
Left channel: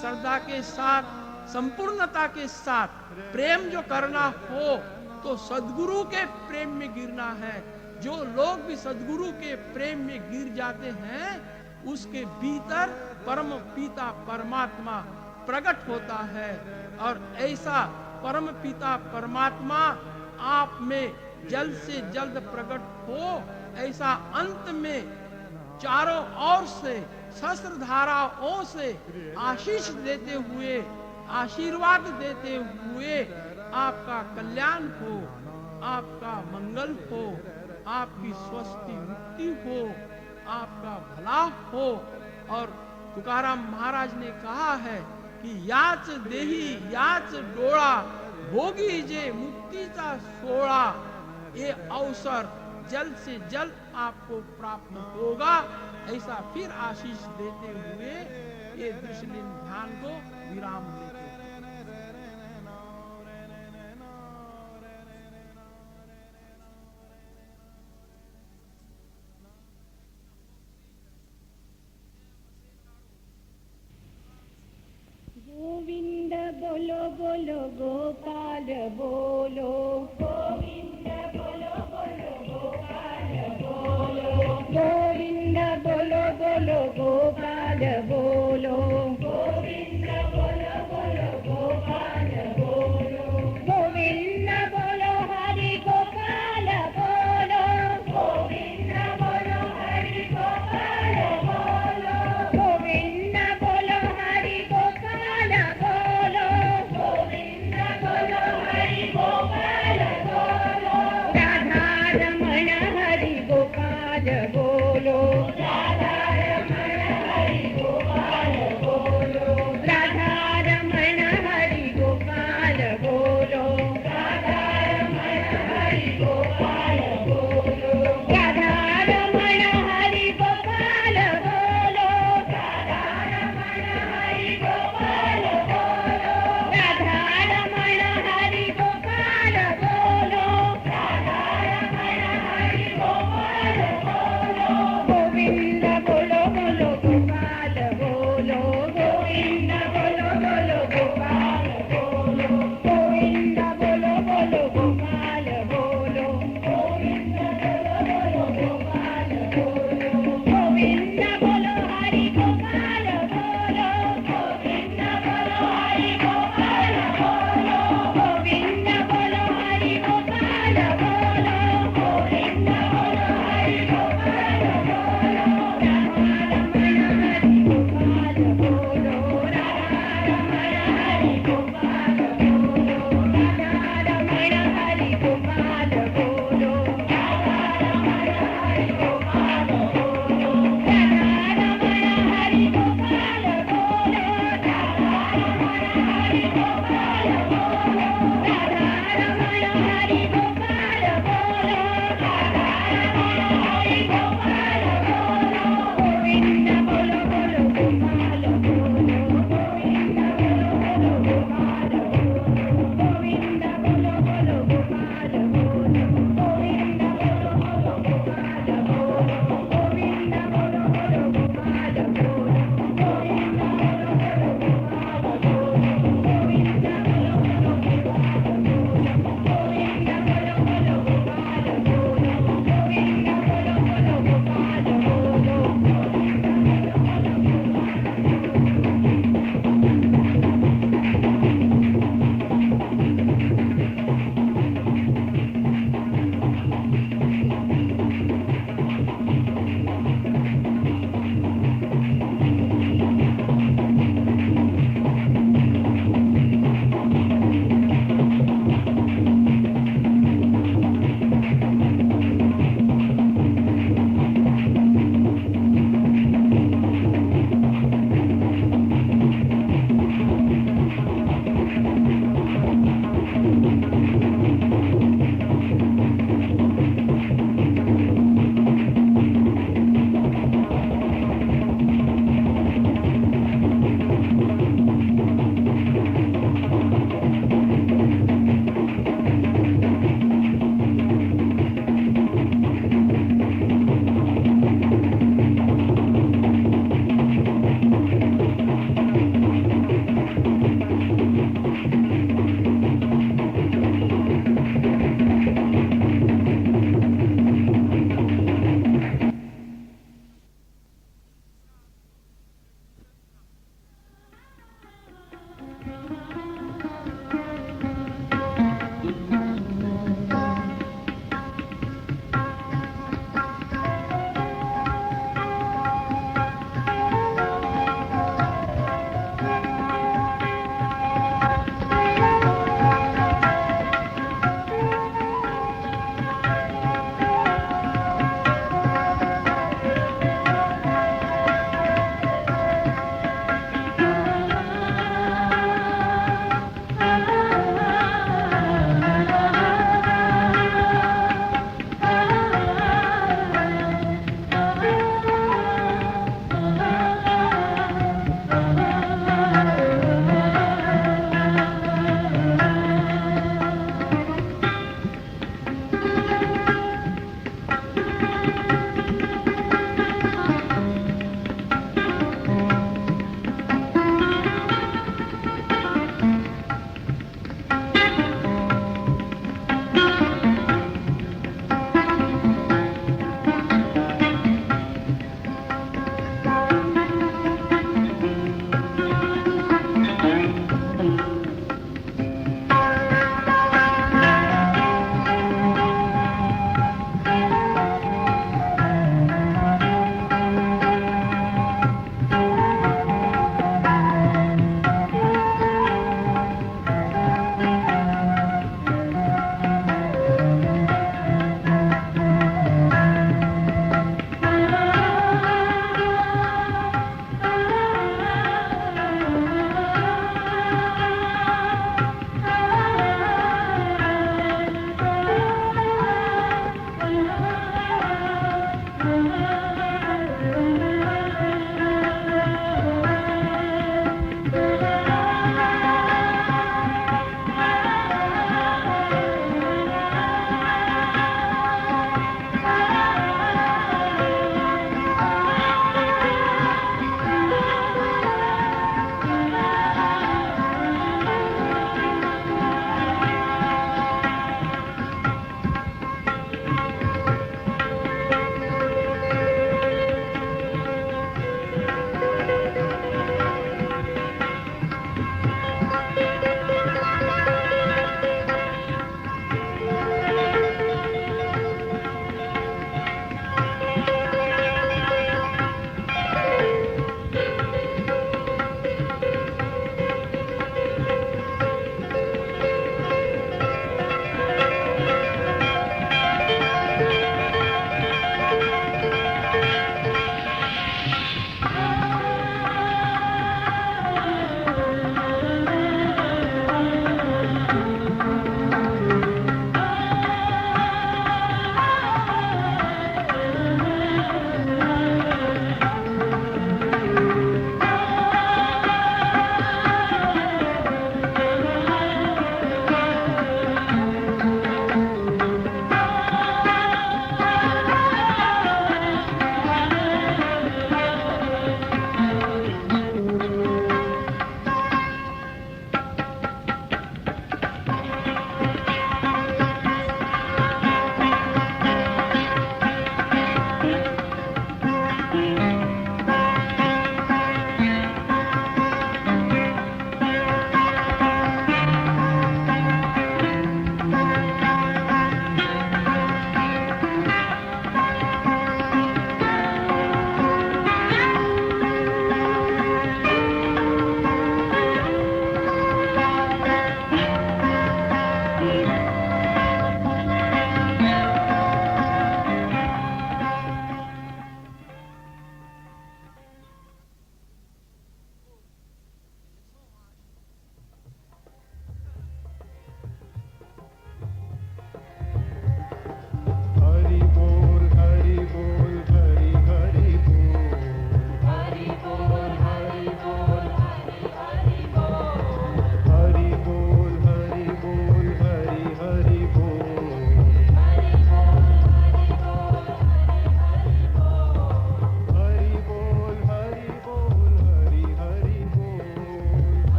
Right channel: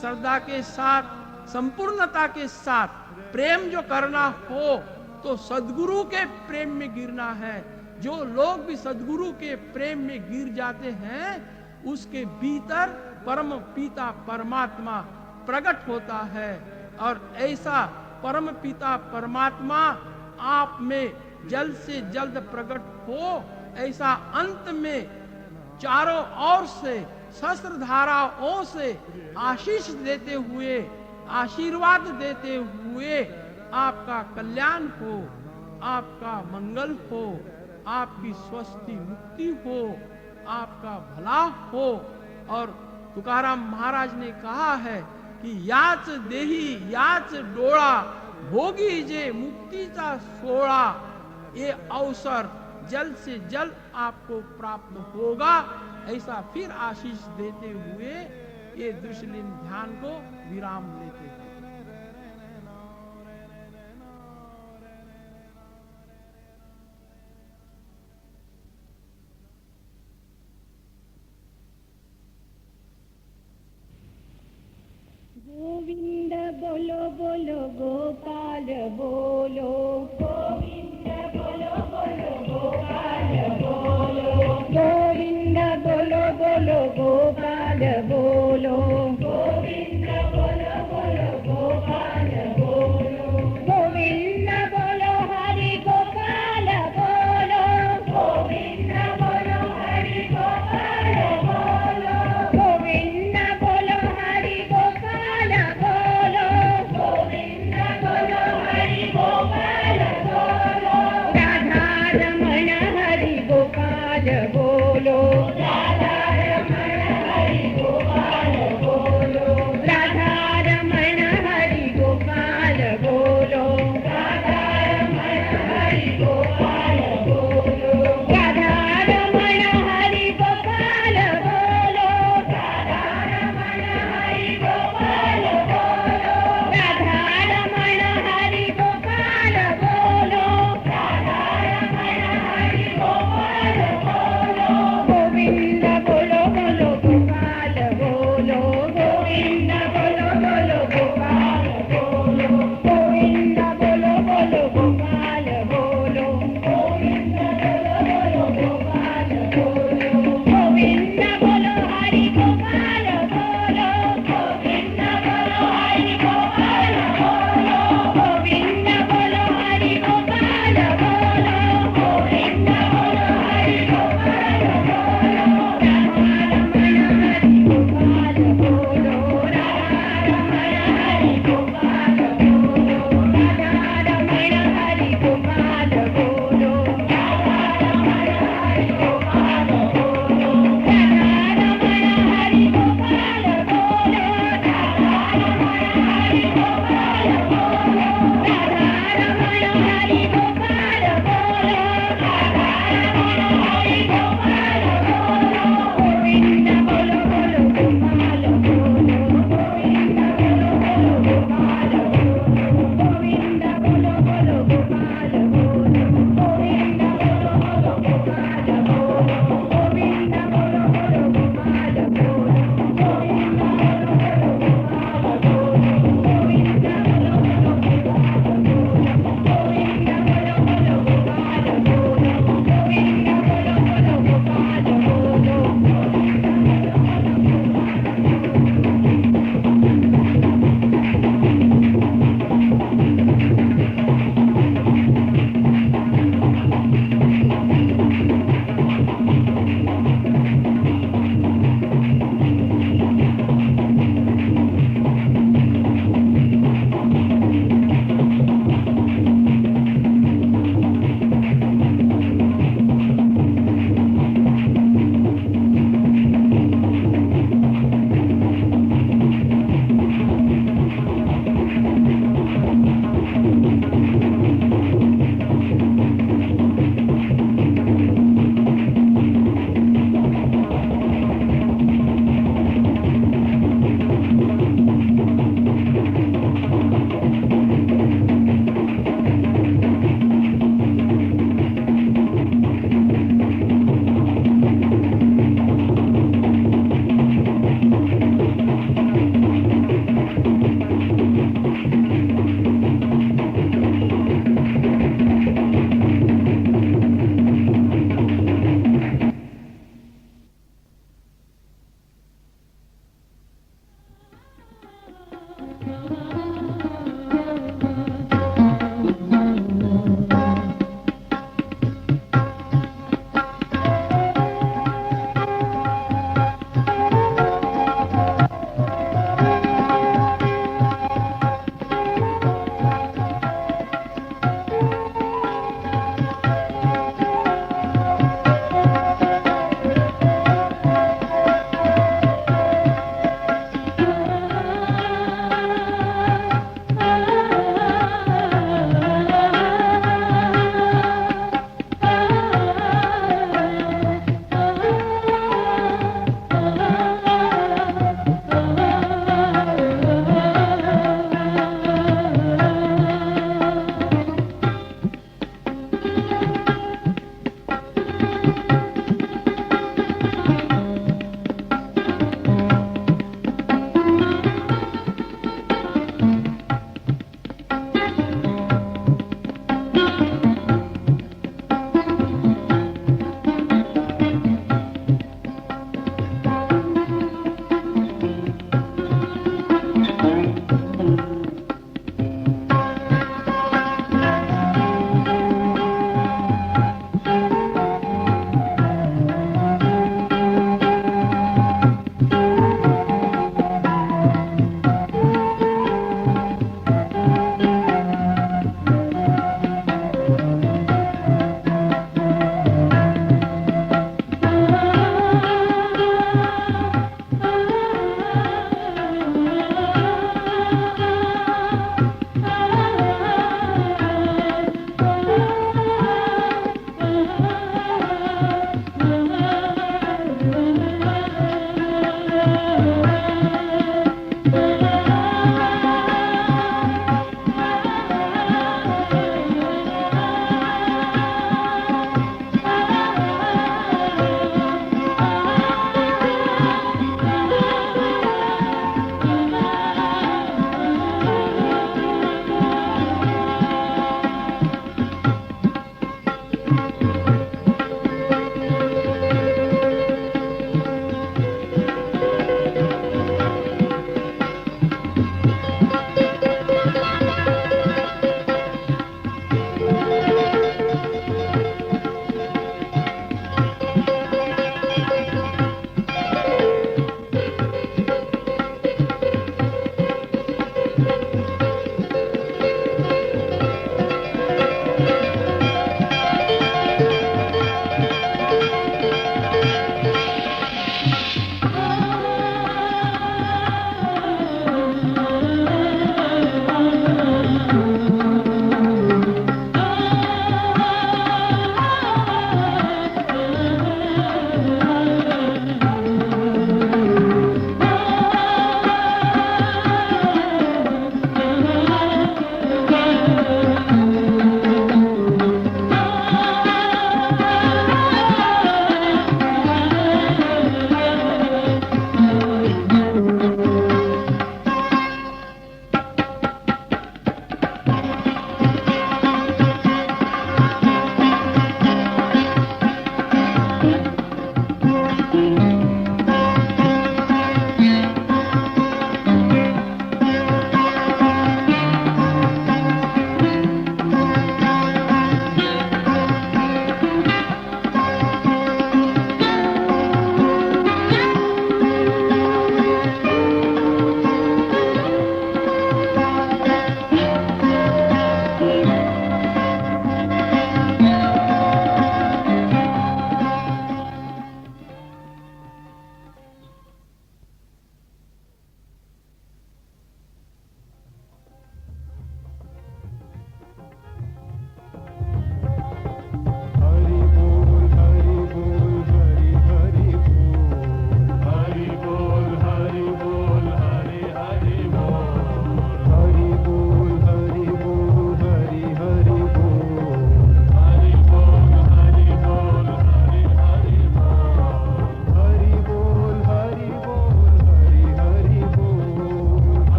श्रद्धा के साथ, संपूर्णता के साथ प्रेम जो करना हो तो सद्गुरु के प्रेम में गिरना है। जो लोग भी सद्गुरु के प्रेम में गिर जाते हैं उसके भीतर परम पिता परमात्मा प्रकट होता है और ऐसा परम पिता परमात्मा आप में जल्द से जल्द प्रकट हो, ऐसा अंत में चारों ओर से सहस्त्र धाराओं से आशीष देते हुए, आशीर्वाद देते हुए आपका कल्याण हो, आपका मंगल हो, आपकी स्वस्थि मुक्ति हो, आपका भला हो। और तुकाराम महाराज ने कहा है कि याच देही याच डोळा, भोगी जे मुक्तीचा सोळा। ये अवसर जल्द से जल्द आपको प्राप्त होगा, ऐसा फिर आशीष देते हुए ये दृश्यलीन ध्यान को विराम लेते